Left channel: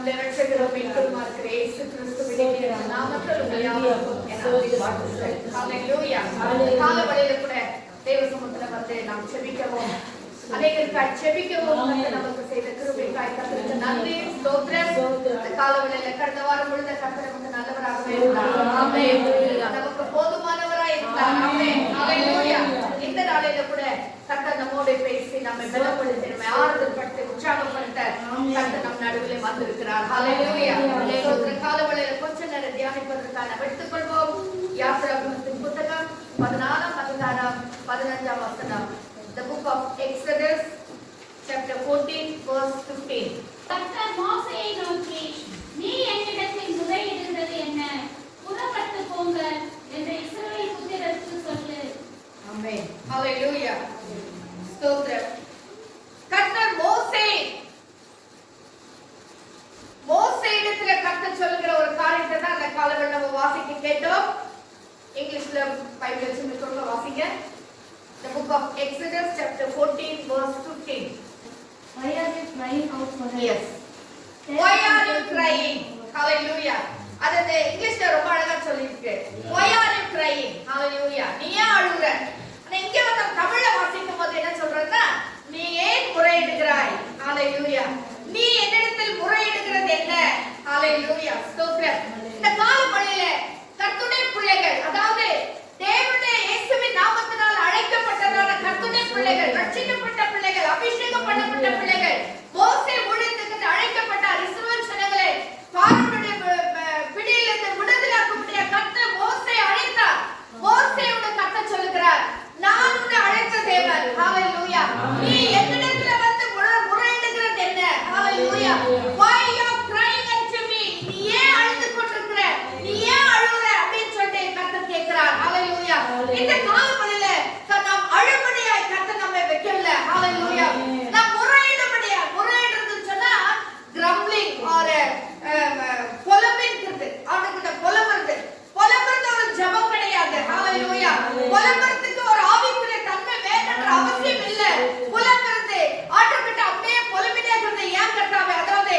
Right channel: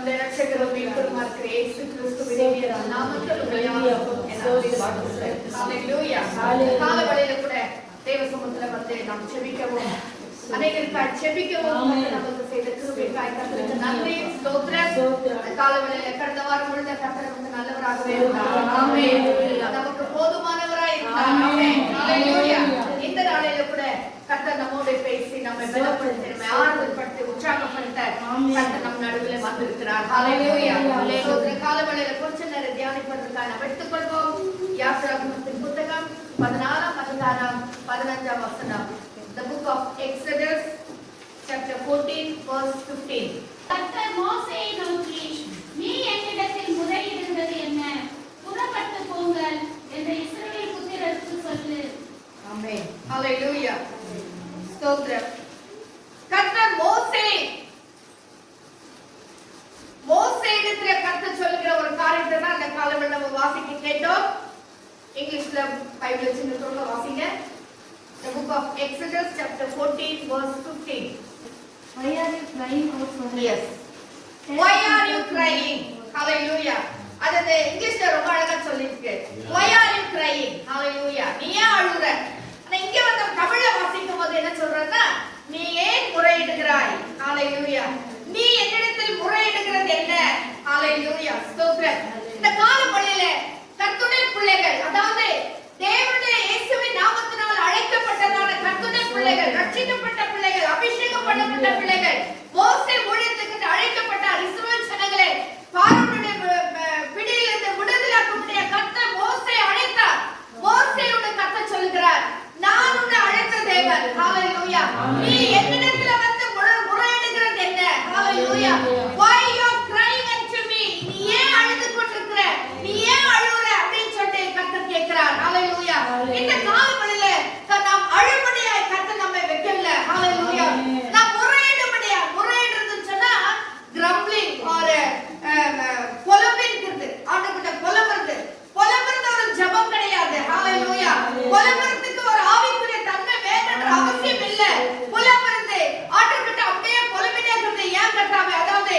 நம்முடைய ரட்சகரும் மீட்பருமா இருக்கிற இயேசு கிறிஸ்துவின் நாமத்தில் உங்களை வாழ்த்துகிறேன். ஹல்லேலூயா. காலவெளியில கூட தேவ சமூகத்துல வந்து நாம் ஜெபிக்கவும் அநேகருக்காய் ஜெபிக்கவும் நமக்கு செய்த கிருபைக்காய் கர்த்தருக்கு நன்றி ஸ்தோத்திரம். இந்த காலவெளியில கடந்த வாரம் முழுக்க கர்த்தர் நமக்கு நல்லவராகவே இருந்தார். ஆமென். நமக்கு போதுமானவராய் இருந்தார். ஆமென். ஹல்லேலூயா. இந்த நாளில கூட கர்த்தர் நம்மோடு பேசி நம்மை பலப்படுத்தி நம்மை ஆறுதல் படுத்தி உற்சாகப்படுத்த கர்த்தர் நம் நடுவில் வந்திருக்கிறார். ஹல்லேலூயா. ஹல்லேலூயா. காலவெளியில கொஞ்ச நேரம் தியானிப்பதற்காக நாம் எடுத்துக்கொள்வோம். யாத்ராகமத்தின் புத்தகம் 14ஆம் அதிகாரம் 15ஆம் வசனம். The book of Exodus chapter 14 verse 15. கர்த்தர் மோசேயை நோக்கி, நீ என்னிடத்தில் முறையிடுகிறது என்ன? புறப்பட்டு போங்கள் என்று இஸ்ரவேல் புத்திரருக்கு சொல்லு. ஆமென். ஹல்லேலூயா. ஸ்தோத்திரம். கர்த்தர் மோசேயிடத்துல கர்த்தர் சொல்லுகிற ஒரு காரியத்தை தான் அந்த காலவெளியில நம்ம வாசிக்க கேட்டோம். இங்கிலீஷ்ல பைபிள் வச்சிருக்கவங்க வாசிங்க. The book of Exodus chapter 14 verse 15. Why are you crying out for help? Yes. Why are you crying? Hallelujah. அது இங்கிலீஷ்ல ரொம்ப அழகா சொல்லிருக்கு. Why are you crying? Hallelujah. நீ ஏன் அழுற? ஆனா இங்க வந்து தமிழ்ல வாசிக்கும் போது என்ன சொல்றதுன்னா, நீ ஏன் முறையிடுகிறாய்? Hallelujah. நீ என்னிடத்தில் முறையிடுகிறது என்ன? Hallelujah. ஸ்தோத்திரம். இந்த காலவெளியில கர்த்தருடைய பிள்ளைகள், அதாவது தேவனுடைய இயேசுவின் நாமத்தினால் அழைக்கப்பட்டதான கர்த்தருடைய பிள்ளைகள், ரட்சிக்கப்பட்ட பிள்ளைகள், அபிஷேகம் பண்ணப்பட்ட பிள்ளைகள், மோசே ஊழியத்துக்கு அழைக்கப்பட்டார். இஸ்ரவேல் ஜனங்களே பார்வோனுடைய பிடியிலிருந்து விடுதலையாக்கும்படியாக கர்த்தர் மோசேயை அழைத்தார். மோசேயோட கர்த்தர் சொல்லுகிறார், நான் உன்னை அழைத்த தேவன். ஹல்லேலூயா. நீ என்னிடத்துல வந்து முறையிடுகிறது என்ன? ஹல்லேலூயா. Why you are crying unto me? நீ ஏன் அழுது கொண்டிருக்கிற? நீ ஏன் அழுற அப்படின்னு சொல்லிட்டு கர்த்தர் கேட்கிறார். ஹல்லேலூயா. இந்த காலவெளியில நாம் அழும்படியாய் கர்த்தர் நம்மை வைக்கவில்லை. ஹல்லேலூயா. நாம் முறையிடுறதுன்னு சொன்னா கிரம்பிளிங் ஆர் புலம்பிக்கிறது. ஆண்டவர்கிட்ட புலம்புறது ஒரு ஜெபம் கிடையாது. ஹல்லேலூயா. புலம்புறதுக்கு ஒரு ஆவிக்குரிய தன்மை வேணும்ன்ற அவசியம் இல்ல. புலம்புறது ஆண்டவர்கிட்ட அப்படியே புலம்பிட்டே இருக்கிறது. ஏன் கர்த்தாவே, அதாவது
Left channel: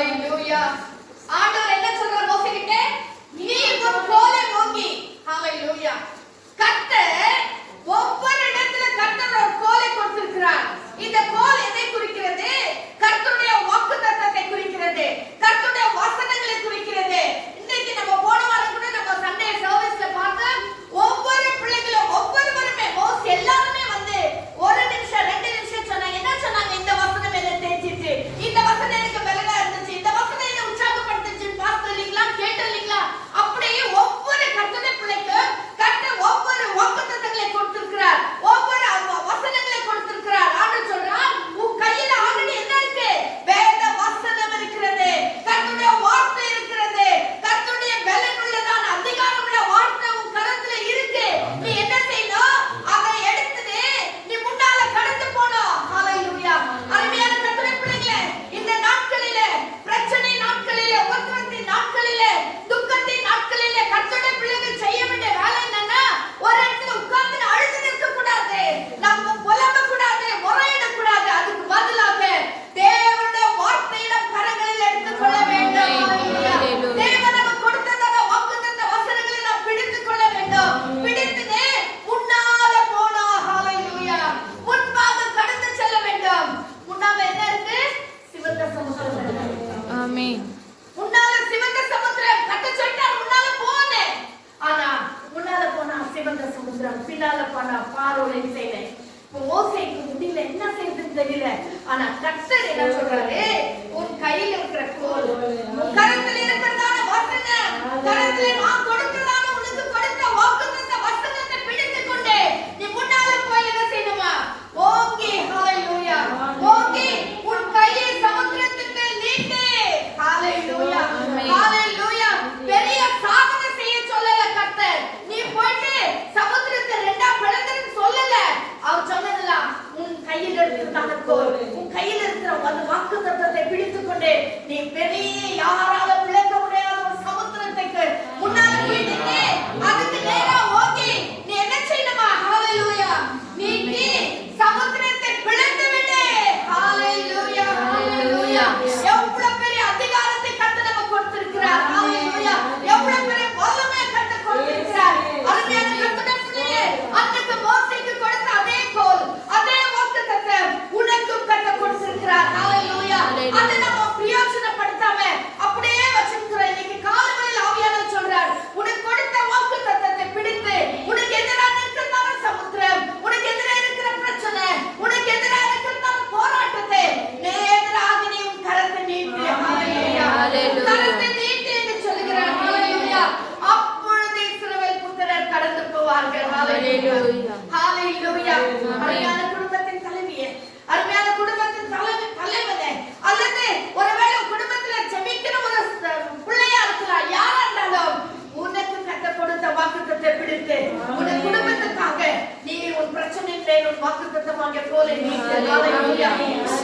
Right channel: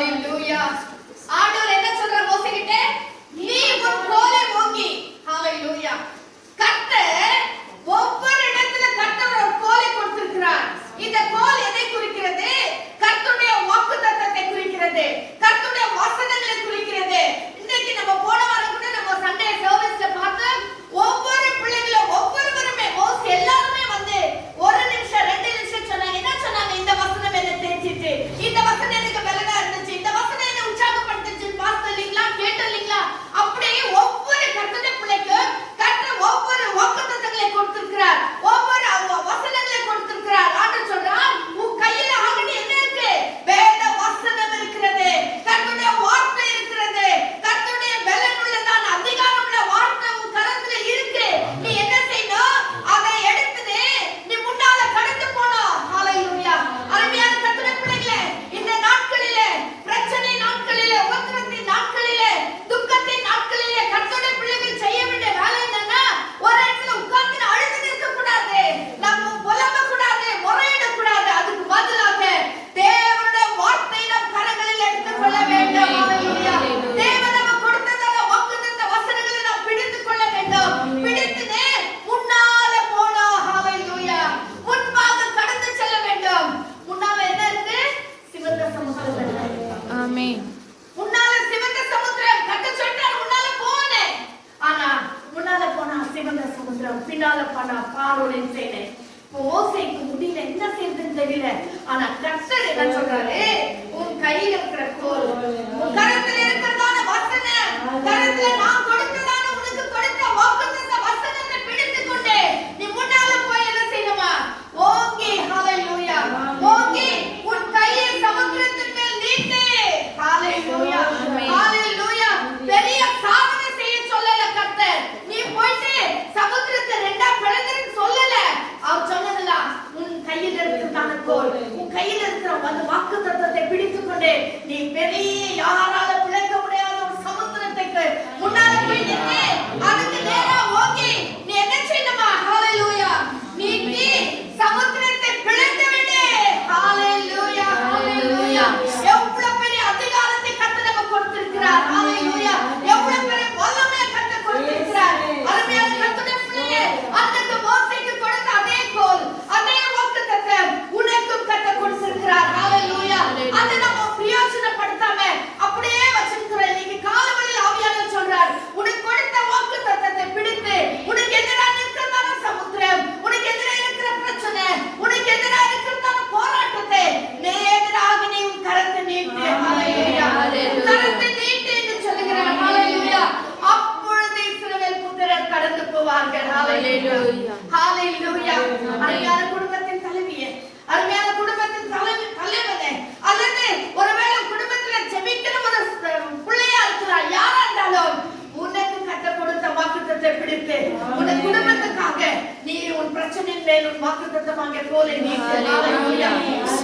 ஹalleluya. ஆண்டவர் என்ன சொல்றார் மோசேகிட்ட? நீ உன் கோலை ஓங்கி. ஹalleluya. கர்த்தர் ஒவ்வொரு இடத்துல கர்த்தர் ஒரு கோலை கொடுத்திருக்கிறார். இந்த கோல் எதை குறிக்கிறது? கர்த்தருடைய வாக்குத்தத்தத்தை குறிக்கிறது, கர்த்தருடைய வசனங்களை குறிக்கிறது. இன்னைக்கு நம்ம போன வாரம் கூட நம்ம சண்டே சர்வீஸ்ல பார்த்த ஒவ்வொரு பிள்ளைகளும் ஒவ்வொருவருமே மோஸ்ட் எல்லாருமே வந்து 1 நிமிஷம் 2 நிமிஷம் சொன்னாங்க. என்ன சொன்னாங்க? இந்த வசனம் என்ன தேய்ச்சிட்டு, இந்த வசனம் எனக்கு பலனா இருந்துச்சு, இந்த வசனம் என்ன உற்சாகப்படுத்துச்சு, பார்த்தோம் இல்லைங்களா, கேட்டோம் இல்லைங்களா? அப்படியே ஒவ்வொரு கர்த்தருடைய பிள்ளைக்கும் கர்த்தர் ஒவ்வொரு வாக்குத்தத்தங்களை கொடுத்திருக்கிறார், ஒவ்வொரு வசனங்களை கொடுத்திருக்கிறார். ஆண்டவர் சொல்றார், உன் கையில ஆல்ரெடி என்ன இருக்கு? வேத வசனம் இருக்கிறது, கர்த்தருடைய வார்த்தை இருக்கிறது, கர்த்தருடைய பலனுள்ளதான அதிகாரமுள்ள வார்த்தை உன் கரத்துல இருக்கு. நீ என்ன செய்யணும்? அதை எடுத்து நீ முன்னால கடந்து போணும். ஹalleluya. அருமையான கர்த்தருடைய பிள்ளைகளே, இந்த நாட்களிலே, பிரச்சனை நாட்களிலே, உபத்திரத்தின் நாட்களிலே, துக்கத்தின் நாட்களிலே கர்த்தருடைய பிள்ளைகள் செய்ய வேண்டிய வேலை என்னன்னா, ஒரு இடத்துல உட்கார்ந்து அழுது நிற்க கூடாது, நம்ம புலம்ப கூடாது, முறையிட கூடாது. அதுக்கு பதிலாக தேவனுடைய வார்த்தையை நம் கரங்களில் எடுத்துக் கொள்ள வேண்டும். ஹalleluya. தேவன் நமக்கு கொடுத்ததான வாக்குத்தத்த வசனங்களை நாம் பிடித்துக் கொள்ள வேண்டும். பிடித்துனே முன்னால போனோம். ஹalleluya. முன்பாக கடந்து செல்ல வேண்டும். முன்னால என்ன இருக்கு? சிவந்த சமுத்திரம் இருக்கு. ஆமென். முன்னால சிவந்த சமுத்திரம். கர்த்தர் சொல்றார் முன்னால போனே. ஆனா முன்னால போனா சிவந்த சமுத்திரம், பின்னால போனா பார்வோனின் சேனை. மோசேக்கு முடியல, என்ன செய்யறதுன்னு தெரியல. ஆனா கர்த்தர் என்ன சொல்றாரு? உன் கையில இருக்கிற கோல், உன் கரத்துல இருக்கிறதான வசனம், கரத்துல நான் கொடுத்ததான உனக்கு கொடுத்த வாக்குத்தத்த வசனத்தை பிடித்துக் கொண்டு நீ முன்னால போய் என்ன செய்யணுமா? ஓங்கி. ஹalleluya. ஓங்கி உன் கையை சமுத்திரத்துக்கு மேல் நீட்டு. ஹalleluya. ஹalleluya. பெரிய சாதனை செய்ய சொல்லல கர்த்தர். நீ போயிட்டு சமுத்திரத்தை ரெண்டா பிளந்துன்னு சொல்லல. அவர் சொன்னதுல உன் கையில் இருக்கிறதான கோல், உன் கையில் இருக்கிற அந்த வாக்குத்தத்தத்தை பிடித்துக் கொண்டு நீ பெரிய யாரால பிளக்க முடியாத ஒரு சமுத்திரத்துக்கு முன்னால போயிட்டு அதுக்கு நேரா ஓங்கி நீ என்ன செய்யணுமா? ஹalleluya. நீ சமுத்திரத்தை பிளந்து விடு. ஹalleluya. ஹalleluya. எவ்வளவு பெரிய அதிகாரத்தை கர்த்தர் நமக்கு கொடுத்திருக்கிறார். ஹalleluya. எவ்வளவு பெரிய வல்லமையை கர்த்தர் கொடுத்திருக்கிறார். அருமையான கர்த்தருடைய பிள்ளையே, அன்னைக்கு மோசேக்கு கொடுத்த அதே கோல், அதே வாக்குத்தத்தம் உனக்கும் கர்த்தர் கொடுத்திருக்கிறார். ஹalleluya. அதை நம்ம பிரயோஜனப்படுத்தாம அப்படியே வச்சிருக்கிறோம். இன்னைக்கு காலையில் ஆவியானவர் சொல்றார், உனக்கு கொடுத்த வாக்குத்தத்தத்தை பிடித்து உனக்கு எதிராக இருக்கிறதான சமுத்திரம், உனக்கு எதிராக இருக்கிற பிரச்சனை, உனக்கு எதிராக இருக்கிறதான போராட்டத்தை நேராக நீ உன் கரத்தை நீட்டு. ஹalleluya. கரத்தை நீட்டு என்று சொல்கிறார். ஹalleluya. அப்பொழுது இஸ்ரவேல் புத்திரர் கடந்து போவார்கள். ஹalleluya. ஹalleluya. அருமையான குடும்பத்தின் தலைவியே, அருமையான குடும்பத்தின் தலைவனே, அல்லது ஒருவேளை குடும்பத்துல ஜெபிக்கிற ஒரு பிள்ளையா இருக்கிறார், யாரா இருந்தாலும் உனக்கு கர்த்தர் கொடுத்த வாக்குத்தத்தத்தை பிடித்து உன் குடும்பத்துக்காக நீ உன் பிரச்சனையின் மேல் உன் வாக்குத்தத்தமாக கோலை நீட்டு. ஹalleluya.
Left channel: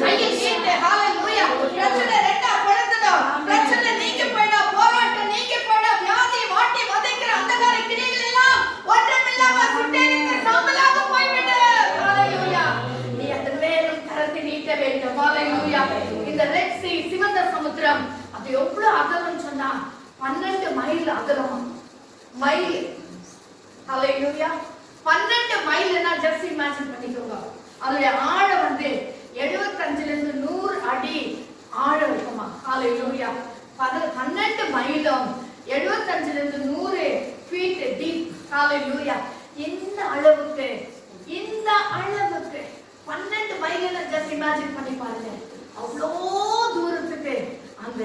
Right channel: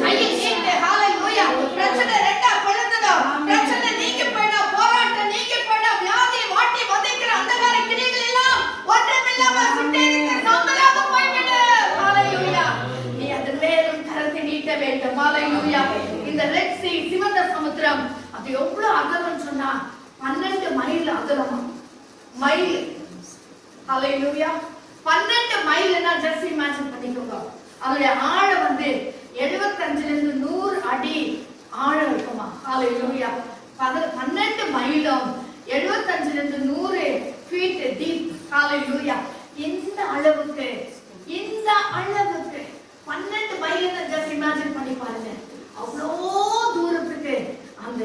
கையை நீட்டு. ஹalleluya. பிரச்சனை ரெண்டா பிளந்ததும் பிரச்சனை நீங்கி போயிடும், போராட்டம் நீங்கி போயிடும், வியாதி வாட்டி வதைக்கிற அந்தகார கிணைகள் எல்லாம் ஒன்றுமில்லாம சுட்டெரித்து சாம்பலாக போய்விடும். ஹalleluya. நீ அதன் மேலும் கரத்தை நீட்ட வேண்டும். ஹalleluya. இந்த ரெட் சீ, சிவந்த சமுத்திரம், அது எவ்வளவு அகலம் சொன்னா 12 மைல் அகலம். மைல். ஹalleluya. 12 மைல்னா ஜஸ்ட் இமேஜின் பண்ணிக்கோங்க. அதோட ஆழம் வந்து 75 ல இருந்து 100 அடி ஆழம் இருக்குமா. ஹalleluya. 12 மைலும் 75 ல இருந்து 100 ஃபீட் டீப். ஹalleluya. இந்த அளவுக்கு 12 மைல்னா ஜஸ்ட் இமேஜின் பண்ணி பாருங்க. அவ்வளோ தூரத்துக்கு அந்த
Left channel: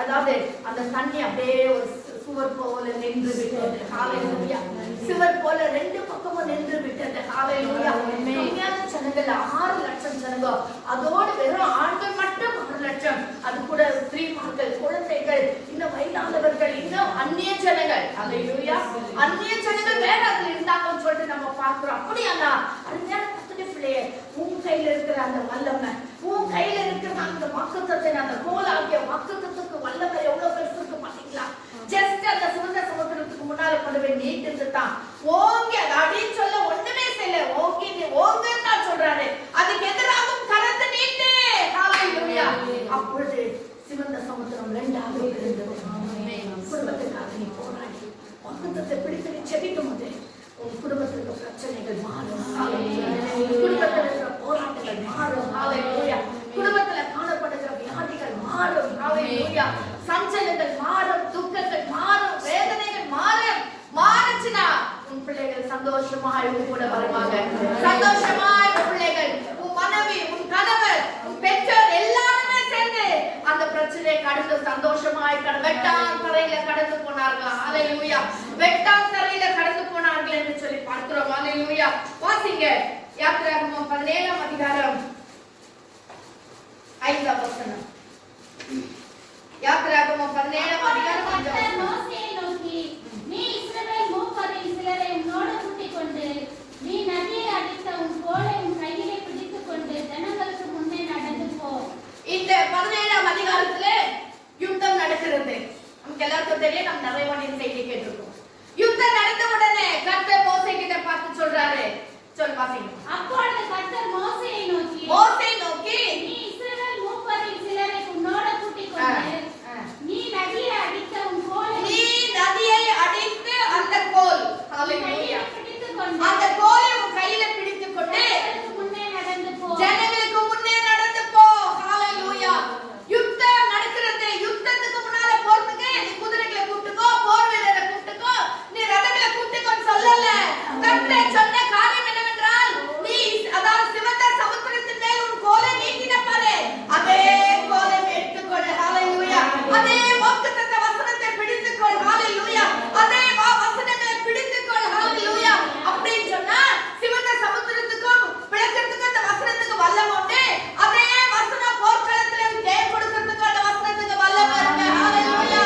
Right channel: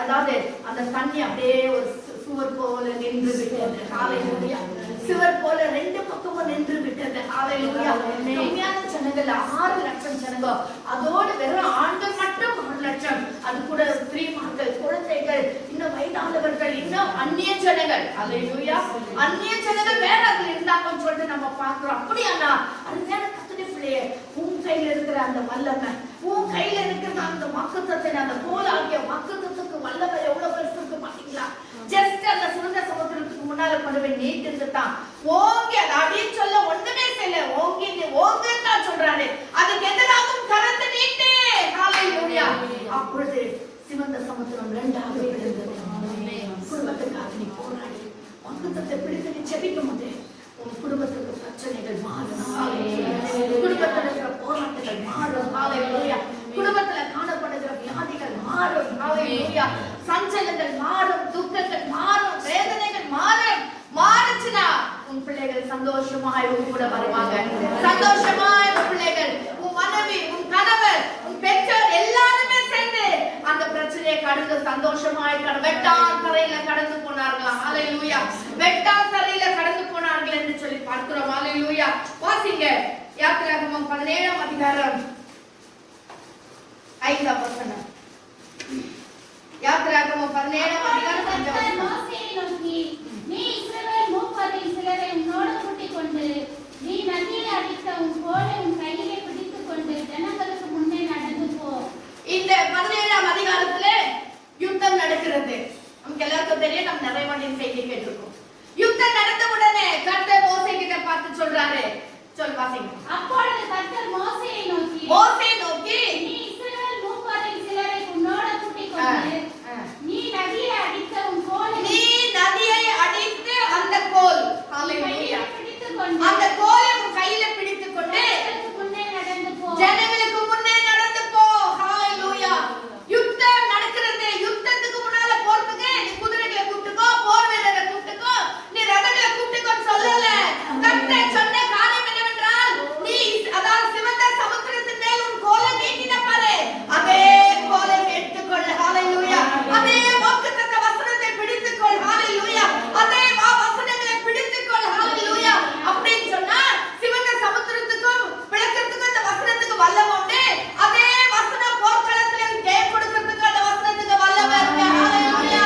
அதாவது அந்த தண்ணி அப்படியே ஒரு சுவர் போல நின்று விட்டது. ஹalleluya. சுவர் போல ரெண்டு பக்கமும் நின்று விட்டது. ஹalleluya. கம்மியான ஜனங்கள் 6 லட்சம் ஜனங்கள், அதோடு வெறும் ஆண்கள் மட்டும் 6 லட்சம், அது கூட ஸ்திரீமார்கள், குழந்தைகள், இன்னும் வயதானவர்கள், இன்னும் அந்நிய ஜனங்கள். ஹalleluya. அந்நிய ஜனங்கள் வேற அதுல இருந்தாங்கன்னு சொல்லிட்டு நம்ம பார்க்கிறோம். அப்படியானா அருமையான கர்த்தருடைய பிள்ளையே, உன் கையில இருக்கிற அந்த வல்லமை, உன் கையில இருக்கிற அந்த வாக்குத்தத்தை, அந்த கோல் ஆகிய வாக்குத்தத்துக்கு வல்லமை எவ்வளவு பெருசு இருக்கு பாத்தீங்களா? ஜஸ்ட் அந்த சுதந்திர சமுத்திரத்துக்கு முன்னால கொண்டு போய் நீட்டு தான் ஓங்கி, அது அடின்னு சொல்ல ஒண்ணுமே செய்யல, ஓங்கி ஓங்குன்னு தான் சொல்றாரு. அதுக்கு எதிராகவும் கரத்தை நீட்டு. ஹalleluya. அப்பொழுது சிவந்த சமுத்திரம் ரெண்டாக விழுந்தது. குடும்பத்துக்காக நீ போராடி ஒன்பத்தை பிடித்து நீ செபிக்கும் போது உன் குடும்பத்திற்கு பிரச்சனைகள் மாறும். குடும்பத்தில் இருக்கிற போராட்டங்கள் மாறும். குடும்பத்துல காணப்படுகிற வியாதிகள் மாறும். சஞ்சலங்கள் மாறும், துக்கங்கள் மாறும், வேதனைகள் மாறும். மாறுச்சுன்னா உன் பிள்ளைகள் சந்தோஷமாய் உன் கூட வருவாங்க. சந்தோஷமாய் உன் பிள்ளைகள், உன் மனைவி, உன் கணவர், உன் பெற்றோர் எல்லாருமே சேர்ந்து அந்த பிரச்சனையை கடந்து சந்தோஷமாய் வெட்டான் தரையில கடந்து போனார்களாம். ஹalleluya. வெட்டான் தரையில கடந்து போனார்கள் என்று சொல்லி பார்க்கிறோம். ஹalleluya. வாசிங்க யாத்திராகமம் 17ஆம் அதிகாரம் 5ஆம் வசனம். யாத்திராகமம் 17ஆம் அதிகாரம் 5ஆம் வசனம். மோசேயை நோக்கி, நீ இஸ்ரவேல் மூப்பரில் சிலரை உன்னோடு கூட்டிக் கொண்டு நீ நதியை அடித்த உன் கோலை உன் கையிலே பிடித்துக் கொண்டு ஜனங்களுக்கு முன்னே நடந்து போ. இந்த 17ஆம் அதிகாரத்துல யுத்தம் நடக்கிறது. நமக்கு எல்லாருக்கும் தெரியும், நம்ம நிறைய வாட்டி செய்தி கேட்டிருக்கோம். யுத்தம் நடந்த உடனே கர்த்தர் மோசே கிட்ட பார்த்து சொல்றாரு. சொல் வாசிங்க. அப்பொழுது கர்த்தர் மோசேயை நோக்கி, நீ இஸ்ரவேல் மூப்பரில் சிலரை உன்னோடு கூட்டிக் கொண்டு நீ நதியை அடித்த உன் கோலை அந்த கோல், ஹalleluya, அந்த கோலை உன் கையில பிடித்துக் கொண்டு முன்னே நடந்து போ. ஜனங்களுக்கு முன்னே நடந்து போ. ஹalleluya. யுத்தம் நடக்கிறது. யுத்தத்துக்கு முன்னால போறதுக்கு நீ குதிரைகளை கூப்பிட்டுக்கோ, போர் வீரரை கூப்பிட்டுக்கோ, நீ ரதங்களை கூப்பிட்டுக்கோன்னு சொல்லல. கர்த்தர் சொன்ன காரியம் என்னவென்றால், நீ அதாவது சிவந்த சமுத்திரத்தின் மேல் உன் கோலை நீட்டின பாரு, அதே கோலை எடுத்துக்கொள். ஹalleluya. அதே வாக்குத்தத்த வசனத்தை பிடித்துக்கொள். ஹalleluya. அதே வசனங்களை பிடித்துக்கொள். ஹalleluya. அப்படின்னு சொன்னா சிவந்த சமுத்திரத்துக்கும் விளக்கத்துக்கும் இந்த வசனத்துக்கு வல்லமை உண்டு. அதே வசனம் போர்க்களத்துல ஜெயம் கொடுக்கிறதுக்கு அந்த வசனத்துக்கு வல்லமை இருக்கு. ஹalleluya.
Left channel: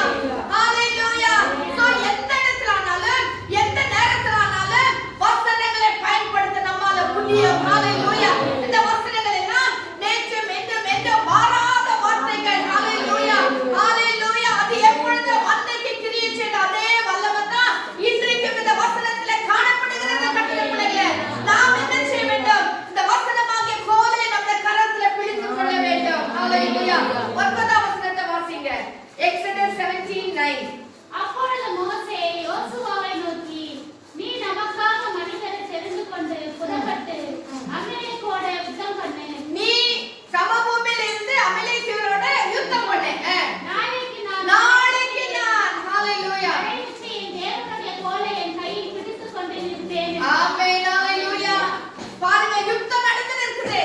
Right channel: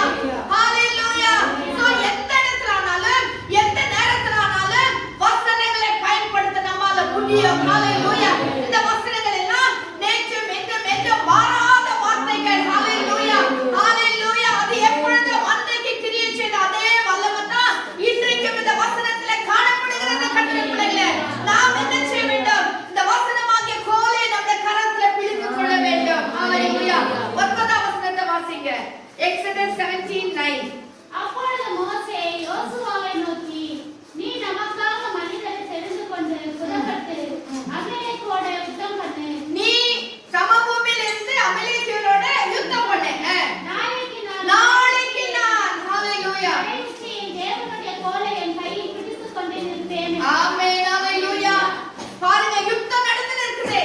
ஹalleluya. சோ எந்த இடத்துல ஆனாலும் எந்த நேரத்துல ஆனாலும் வசனங்களை பயன்படுத்த நம்மால முடியும். ஹalleluya. இந்த வசனங்கள் எல்லாம் நேற்றும் என்றும் மாறாத வார்த்தைகள். ஹalleluya. ஹalleluya. அது எப்பொழுது அன்னைக்கு கிரியை செய்த அதே வல்லமை தான் இன்றைக்கும் இந்த வசனத்துல காணப்படுகிறது. கர்த்தருடைய பிள்ளைகளே, நாம் என்ன செய்ய வேண்டும்? இந்த வசனமாகிய கோலை நம்முடைய கரத்துல பிடித்துக் கொள்ள வேண்டும். ஹalleluya. 9ஆம் வசனத்தை வாசிங்க. எக்ஸோடஸ் 17:9. அப்பொழுது மோசே யோசுவாவை நோக்கி, நீ நமக்காக மனிதரை தெரிந்து கொண்டு புறப்பட்டு அமலேக்கோட யுத்தம் பண்ணு. நீ சமபூமியில இருந்து அமலேக்கியரோட யுத்தம் பண்ணு. நாளைக்கு நான் ஹalleluya. என் தேவனுடைய கோலை என் கையில் பிடித்துக் கொண்டு இருப்பேன். ஆமென். ஹalleluya. பாருங்க, யுத்தம் நடந்துட்டு இருக்குது.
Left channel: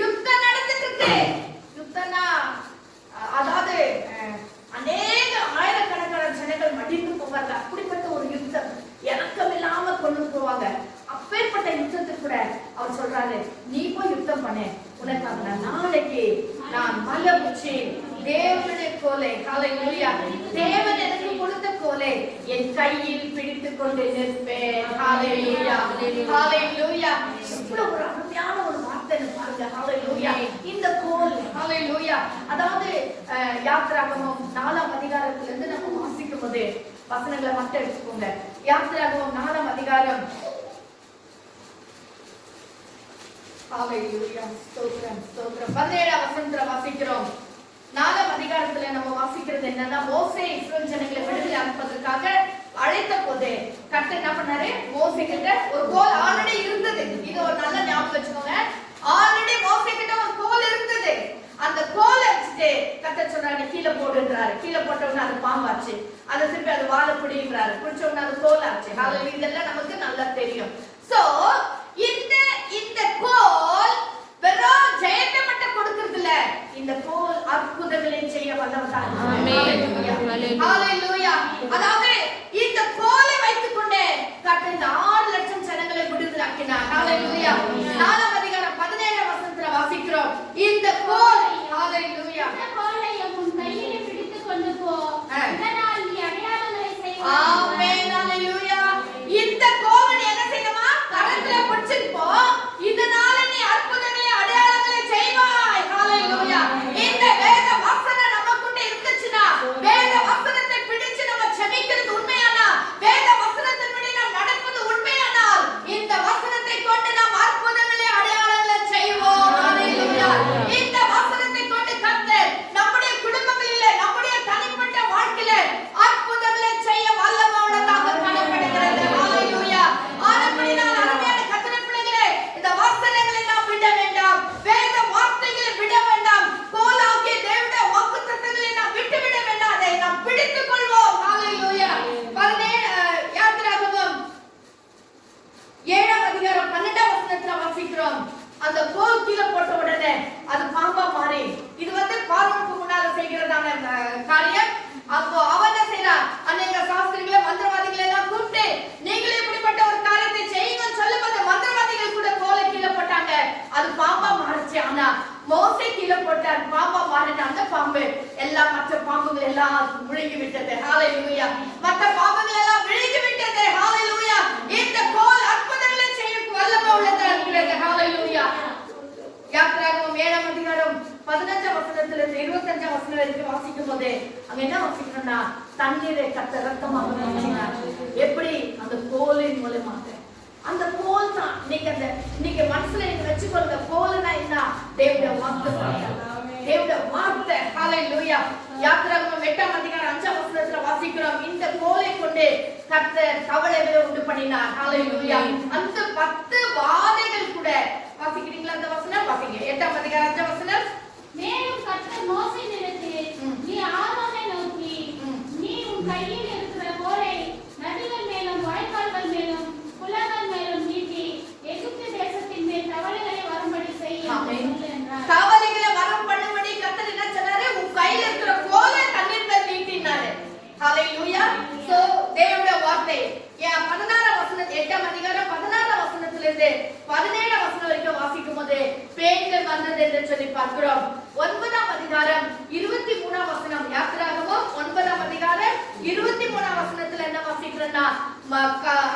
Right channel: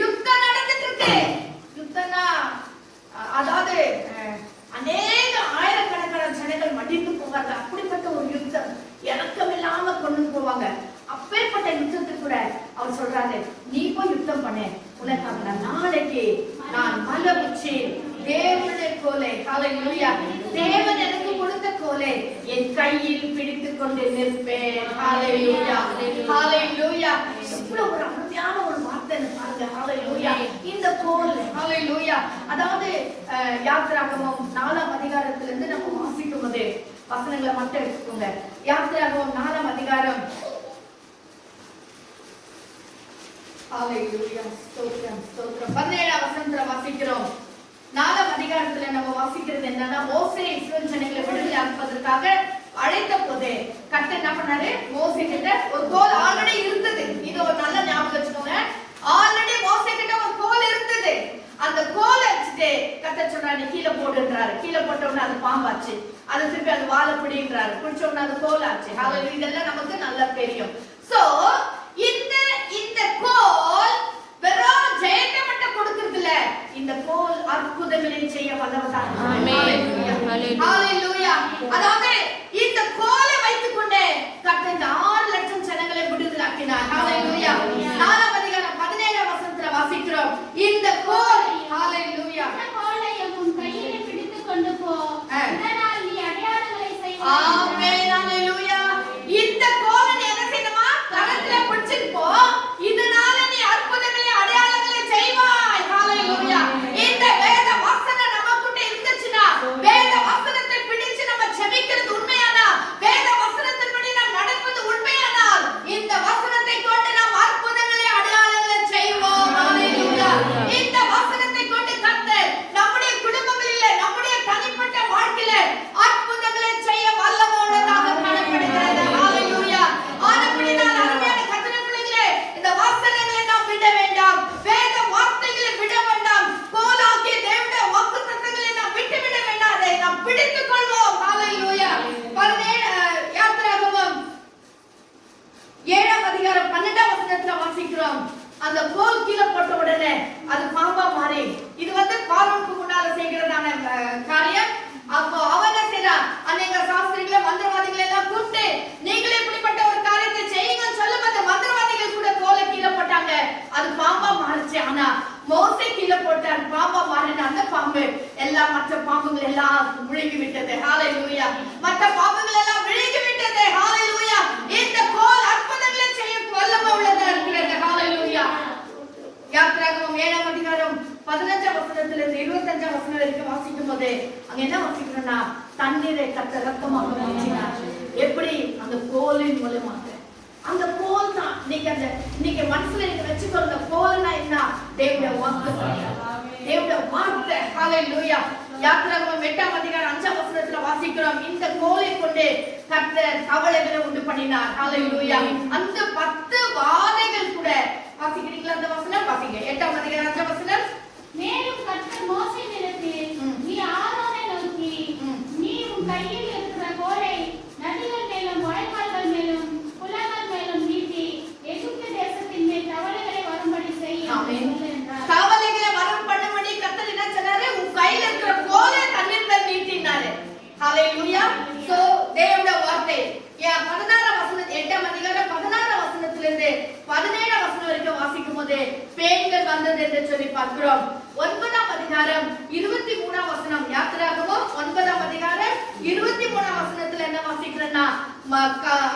யுத்தம் நடந்துட்டு இருக்கு. யுத்தம்னா அதாவது அநேக ஆயிரக்கணக்கான ஜனங்கள் மடிந்து போவாங்க. அப்படிப்பட்ட ஒரு யுத்தம் இறக்கமில்லாம கொண்டு போவாங்க. அப்பேற்பட்ட யுத்தத்துக்கு கூட அவர் சொல்றாரு, நீ போய் யுத்தம் பண்ணு, உனக்காக நாளைக்கு நான் மலை உச்சி தேவனுடைய கோலை, ஹalleluya, தேவன் எனக்கு கொடுத்த கோலை என் கையில் பிடித்துக் கொண்டு நிற்பேன். ஹalleluya. ஹalleluya. இவ்வளவு ஒரு அருமையான ஒரு வார்த்தை பாருங்க. ஹalleluya. இந்த கோல், ஹalleluya, அதாவது யாத்திராகமம் 4ஆம் அதிகாரத்துல இருந்து நம்ம வாசிக்கும் போது வசனங்களை மட்டும் எடுத்துக்கோங்க. யாத்திராகமம் 4ஆம் அதிகாரம், ஹalleluya, ஸ்தோத்திரம் ஸ்தோத்திரம், 17ஆம் வசனத்துல வாசிக்கிறோம். 4ஆம் அதிகாரத்துல நம்ம வாசிக்கிறது என்னன்னா, மோசே இஸ்ரவேல் ஜனங்களை விடுதலை அனுப்பதற்காக அழைத்த போது கர்த்தர் என்ன பண்ணாரு? மோசே கிட்ட ஒரு கோல் ஆல்ரெடி இருந்தது. இது ஒரு நல்ல ஞாபகம் வச்சுக்கோங்க. ஆல்ரெடி மோசே கிட்ட ஒரு கோல் இருந்தது. அந்த கோலை வச்சுட்டு கர்த்தர் சொன்னாரு, நீ கீழே போடுன்றாரு. கீழே போட்ட உடனே அது பாம்பாச்சு. அதை திருப்பி அது வாழை பிடின்றாரு. பிடிச்ச உடனே அது கோல் ஆச்சு. ஹalleluya. இதெல்லாம் நமக்கு நல்லா தெரியும். சோ இந்த கோல் வெறும் ஜெயத்தை மட்டும் கொடுக்கிறது இல்ல, இந்த கோல் அற்புதங்களை செய்ய வல்லவராக. ஆமென். ஹalleluya. அதாவது இந்த கோலை வைத்துக் கொண்டு கர்த்தர் இந்த 6 லட்சம் ஜனங்களை விடுதலையாக்கினார். ஹalleluya. 4ஆம் அதிகாரம் 17ஆம் வசனத்துல வாசிக்கிறோம். இந்த கோல், ஹalleluya, இந்த கோலை உன் கையிலே பிடித்துக் கொண்டு போ. இதனால் நீ அடையாளங்களை செய்வாய். ஆமென். ஹalleluya. இந்த கோலை நீ என்ன செய்யணுமா? கரத்துல பிடிச்சிட்டு போ. இதனால நீ அற்புதங்களை அடையாளங்களை செய்வாய். ஹalleluya. இந்த வேத வசனம் நமக்குள்ள இருந்துச்சுனா, வேத வசனத்தை பிடிச்சு நம்ம ஜெபிக்கிறது உண்மையானா, வேத வசனத்தின்படி நாம் நடப்பது உண்மையானால், இந்த வசனத்தை கொண்டு நாம் அற்புதங்களை அடையாளங்களை செய்வோம். ஹalleluya. இந்த வசனத்தை கொண்டு கர்த்தர் நம்முடைய குடும்பங்களை பாம்பா மாறின அந்த பாம்பு எல்லாம் மற்ற பாம்புகள் எல்லாம் விழுங்கி விட்டது. ஹalleluya. மற்ற பாம்புகள் எல்லாம் விழுங்கி விட்டது. ஹalleluya. இந்த கோல் அற்புதங்களை செய்யும் வல்லமை உள்ளதா இருக்கிறது. ஹalleluya. யாத்திராகமம் 7ஆம் அதிகாரம் 15ஆம் வசனத்திலிருந்து 25ஆம் வசனம் வரைக்கும் வாசிக்கும் போது அங்க என்ன வாசிக்கணும்னா தண்ணீரை கர்த்தர் ரத்தமாக மாற்றினார். எப்படி? அந்த கோலின் மூலமாக. அந்த கோல் தான் இன்னைக்கு மனசுல நீங்க வச்சுக்கொள்ளுங்க. கோல்னா என்ன? தேவனுடைய வார்த்தை. தேவனுடைய வார்த்தை. ஹalleluya. யாத்திராகமம் 8ஆம் அதிகாரம் 5ஆம் வசனத்துல வாசிக்கிறோம், இந்த கோலை கொண்டு கர்த்தர் கவலைகளை உண்டு பண்ணினார். ஹalleluya. அந்த 10 வாதைகள் கூட வாசிக்கிறீங்களா? அந்த வசனம் வாசிங்க. 8ஆம் அதிகாரம் 5ஆம் வசனம். மேலும் கர்த்தர் மோசேயினிடத்தில், நீ ஆரோனை நோக்கி, நீ உன் கையில் இருக்கிற கோலை நதிகள் மேலும் வாய்க்கால்கள் மேலும் குளங்கள் மேலும் நீட்டி எகிப்து தேசத்தின் மேல் தவளைகளை வரும்படி செய் என்றார். தவளைகளை வரும் பண்ணும்படி கர்த்தர் என்ன சொன்னாரு? உன் கையில் இருக்கிற கோலை தண்ணீர் மேல் நீட்டினாரு. ஹalleluya. சோ தேவனுடைய வார்த்தை 16ஆம் வசனம் 8ஆம் அதிகாரம் 16ஆம் வசனத்திலிருந்து 17ஆம் வசனம் வரைக்கும் வாசிக்கும் போது பேய்கள் வந்தது என்று சொல்லி பார்க்கிறோம். 9ஆம் அதிகாரம் 23ஆம் வசனம், யாத்திராகமம் 9ஆம் அதிகாரம் 23ஆம் வசனத்துல என்ன வாசிக்கிறேன்னா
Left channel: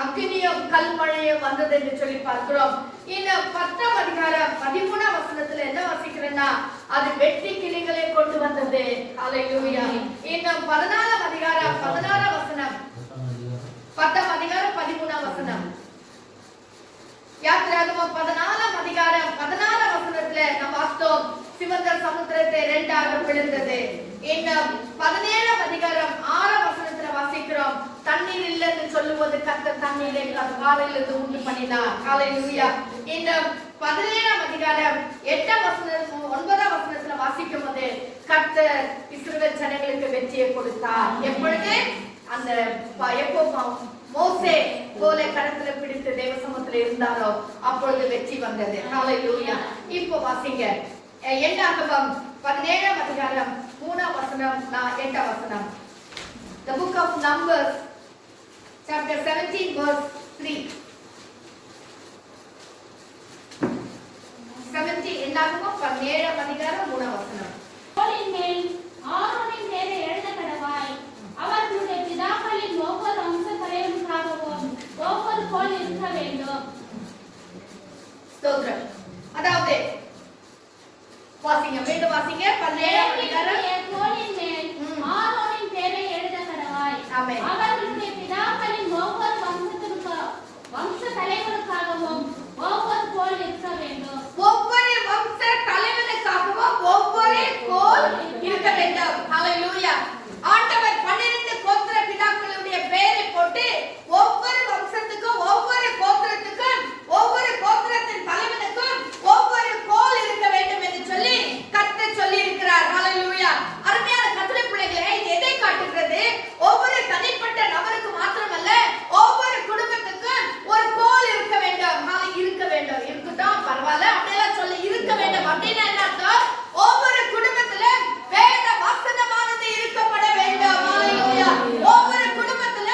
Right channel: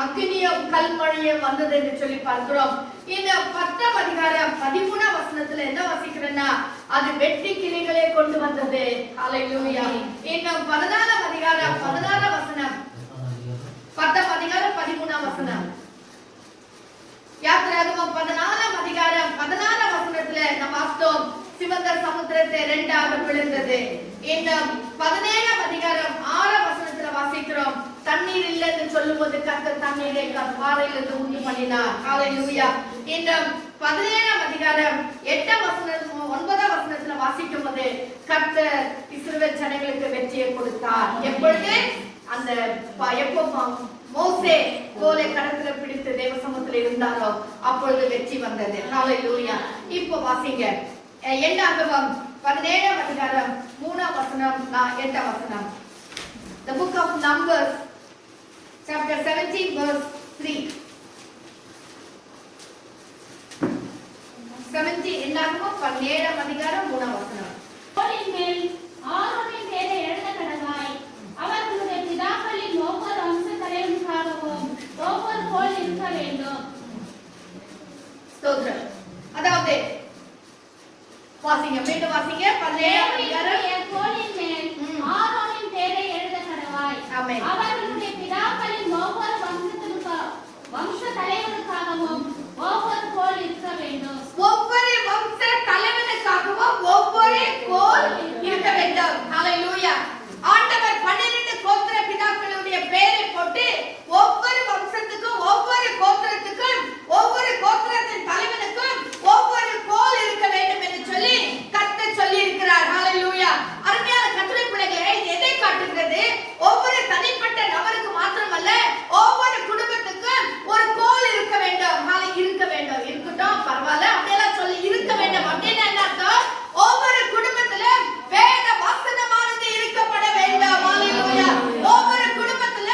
அக்னியும் கல்மழையும் வந்தது என்று சொல்லி பார்க்கிறோம். இந்த 10ஆம் அதிகாரம் 13ஆம் வசனத்துல என்ன வாசிக்கிறேன்னா அது வெட்டி கிளிகளை கொண்டு வந்தது. ஹalleluya. இந்த 14ஆம் அதிகாரம் 16ஆம் வசனம், 10ஆம் அதிகாரம் 13ஆம் வசனம், யாத்திராகமம் 14ஆம் அதிகாரம் 14ஆம் வசனத்துல நம்ம வாசித்தோம் சிவந்த சமுத்திரத்தை இரண்டாக பிளந்தது. இந்த 17ஆம் அதிகாரம் 6ஆம் வசனத்துல வாசிக்கிறோம் தண்ணீர் இல்லைன்னு சொல்லும்போது கர்த்தர் தண்ணீரை பாறையிலிருந்து உண்டு பண்ணினார். ஹalleluya. இந்த 17ஆம் அதிகாரம் 8ஆம் வசனம் 9ஆம் வசனத்துல வாசிக்கும் போது கர்த்தர் இஸ்ரவேல் ஜனங்களுக்கு வெற்றியை கொடுத்தார். எப்பொழுது? அந்த எப்போ மோசே கோலை கடத்துல பிடித்து தேவ சமூகத்துல இருந்தாரோ அப்பொழுது வெற்றி வந்தது. ஹalleluya. இப்போ வாசிங்க என்னாகமம் 17ஆம் அதிகாரம் 3ஆம் வசனம் 8ஆம் வசனம். The book of Numbers chapter 17 verse 3. 17 என்னாகமம் 17ஆம் அதிகாரம் 3ஆம் வசனம். கோலின் மேல் ஆரோனின் பேரை எழுத கடவாய். அவர்களுடைய பிதாக்களின் ஒவ்வொரு வம்ச தலைவனுக்காகவும் ஒவ்வொரு கோல் இருக்க வேண்டும். ஸ்தோத்திரம். அதாவது வாசிங்க, மீண்டும் வாசிங்க. 17ஆம் அதிகாரம் கோலின் மேல் ஆரோனின் பேரை எழுத கடவாய். ஆமென். அவர்களுடைய பிதாக்களின் ஒவ்வொரு வம்ச தலைவனுக்காகவும் ஒவ்வொரு கோல் இருக்க வேண்டும். ஒவ்வொரு வம்ச தலைவனுக்காகவும் ஒவ்வொரு கோல் இருக்க வேண்டும். ஹalleluya. ஆண்டவர் 12 கோத்திர பிதாக்களுடைய பெயரை போட்டு ஒவ்வொரு வம்சத்துக்கும் ஒவ்வொரு கோத்திரத்துக்கும் ஒவ்வொரு கோத்திரத்தின் தலைவனுக்கும் ஒவ்வொரு கோல் இருக்க வேண்டும் என்று சொல்லி கர்த்தர் சொல்லி இருக்கிறார். ஹalleluya. அருமையான கர்த்தருடைய பிள்ளைகளே, இது எதை காட்டுகிறது? ஒவ்வொரு தனிப்பட்ட நபருக்கு மாத்திரமல்ல, ஒவ்வொரு குடும்பத்துக்கும் ஒரு கோல் இருக்க வேண்டும். இருக்க வேண்டும். இருக்கட்டும், பரவாயில்ல, அப்படியெல்லாம் சொல்லி இருக்க வேண்டும் அப்படின்னா என்ன அர்த்தம்? ஒவ்வொரு குடும்பத்துல வேத வசனமானது இருக்கப்பட வேண்டும். ஹalleluya. ஒவ்வொரு குடும்பத்துல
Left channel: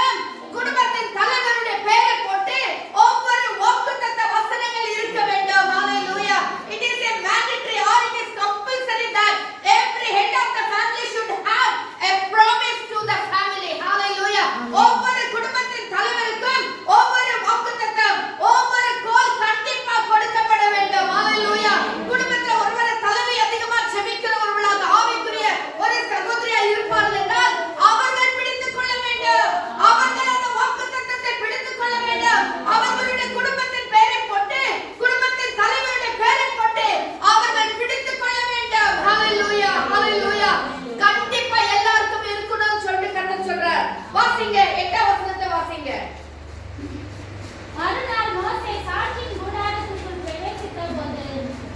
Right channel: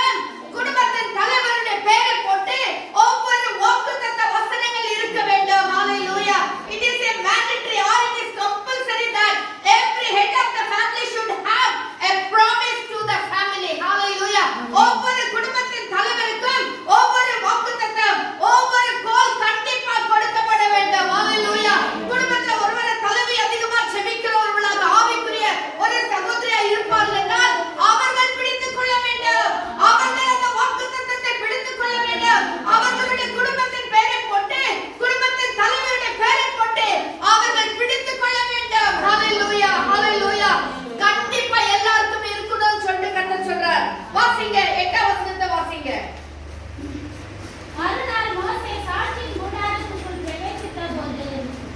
குடும்பத்தின் தலைவருடைய பெயரை போட்டு ஒவ்வொரு வாக்குத்தத்த வசனங்கள் இருக்க வேண்டும். ஹalleluya. It is a mandatory or it is compulsory that every head of the family should have a promise to the family. Hallelujah. ஒவ்வொரு குடும்பத்தின் தலைவருக்கும் ஒவ்வொரு வாக்குத்தத்தம், ஒவ்வொரு கோல் கண்டிப்பா கொடுக்கப்பட வேண்டும். ஹalleluya. குடும்பத்துல ஒருவரை தலைவி அதிகமா ஜெபிக்கிறவர்களாக ஆவிக்குரிய ஒரு சகோதரியா இருப்பார்கள் என்றால் அவர்கள் பிடித்துக் கொள்ள வேண்டும். அவர்கள் அந்த வாக்குத்தத்தத்தை பிடித்துக் கொள்ள வேண்டும். அவர்களுடைய குடும்பத்தின் பெயரை போட்டு குடும்பத்தின் தலைவருடைய பெயரை போட்டு அவர்கள் பிடித்துக் கொள்ள வேண்டும். ஹalleluya. ஹalleluya. கண்டிப்பா எல்லாருக்கும் இருக்கணும்னு சொல்லிட்டு கர்த்தர் சொல்றார். வாசிங்க 8ஆம் வசனத்தை வாசிங்க. மறுநாள் மோசே சாட்சியின் கூடாரத்துக்குள் பிரவேசித்தபோது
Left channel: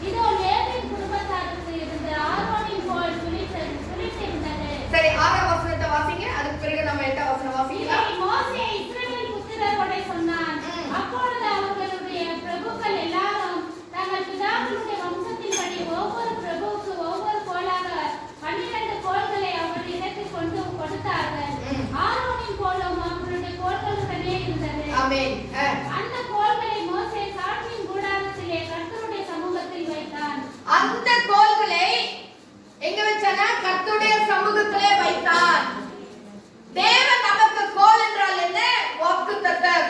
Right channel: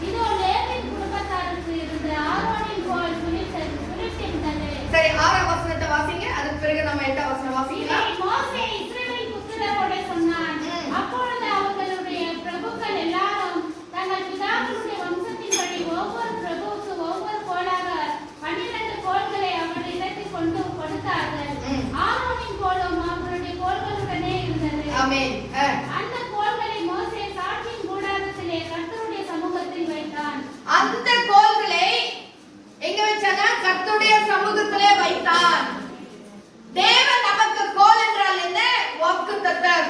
இதோ லேவியின் குடும்பத்தாருக்கு இருந்த ஆரோனின் கோல் குறித்திருந்தது. சரி, 6ஆம் வசனத்தை வாசிங்க. அதுக்கு பிறகு நம்ம 8ஆம் வசனம் வாசிக்கலாம். மோசே இஸ்ரவேல் புத்திரரோட சொன்னான். அப்பொழுது அவர்களுடைய பிரபுக்கள் எல்லாரும் தங்கள் பிதாக்களுடைய வம்சத்தின்படி ஒவ்வொரு பிரபுவுக்கு ஒவ்வொரு கோலாக 12 கோல்களை அவருடைய இடத்தில் கொண்டு கொடுத்தார்கள். ஆரோனின் கோலும் அவருடைய கோல்களுடனே இருந்தது. ஆமென். அந்த கோல்களை மோசே சாட்சியின் கூடாரத்திலே கர்த்தருடைய சமூகத்தில் வைத்தான். அந்த கோல்களை வாக்குத்தத்தம்.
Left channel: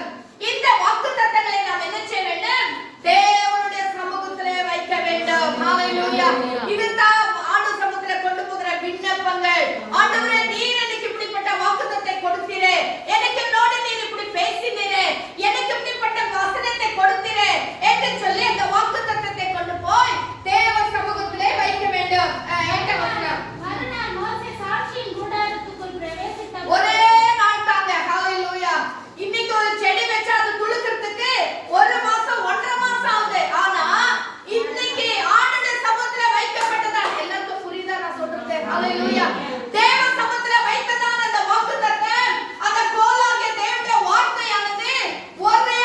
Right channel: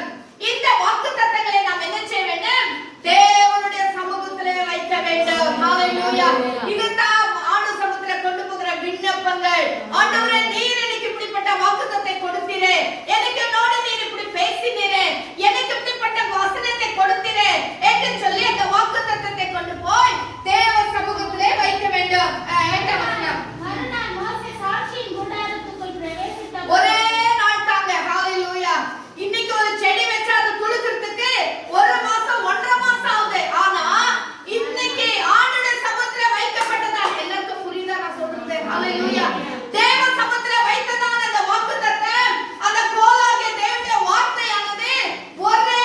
இந்த வாக்குத்தத்தங்களை நாம் என்ன செய்ய வேண்டும்? தேவனுடைய சமூகத்திலே வைக்க வேண்டும். ஹalleluya. இதுதான் ஆண்டு சமூகத்திலே கொண்டு போகிற விண்ணப்பங்கள். ஆண்டவரே, நீர் எனக்கு இப்படிப்பட்ட வாக்குத்தத்தத்தை கொடுத்தீரே, எனக்கு என்னோடு நீர் இப்படி பேசினீரே, எனக்கு இப்படிப்பட்ட வசனத்தை கொடுத்தீரே என்று சொல்லி அந்த வாக்குத்தத்தத்தை கொண்டு போய் தேவ சமூகத்திலே வைக்க வேண்டும். மறுநாள் மோசே சாட்சியின் கூடாரத்துக்குள் பிரவேசித்த ஒரே நாள் தாங்க. ஹalleluya. இன்னைக்கு ஒரு செடி வச்சா அது துளுக்கிறதுக்கு 1 மாசம் 1.5 மாசம் ஆகுது. ஆனா இன்னைக்கு ஆண்டுடைய சமூகத்துல வைக்கப்பட்டதான். எல்லாருக்கும் புரியுதா நான் சொல்றது? ஹalleluya. தேவ சமூகத்துல வைத்ததான அந்த வாக்குத்தத்தம், அந்த கோலாகிய தேவனுடைய வார்த்தையானது ஒரே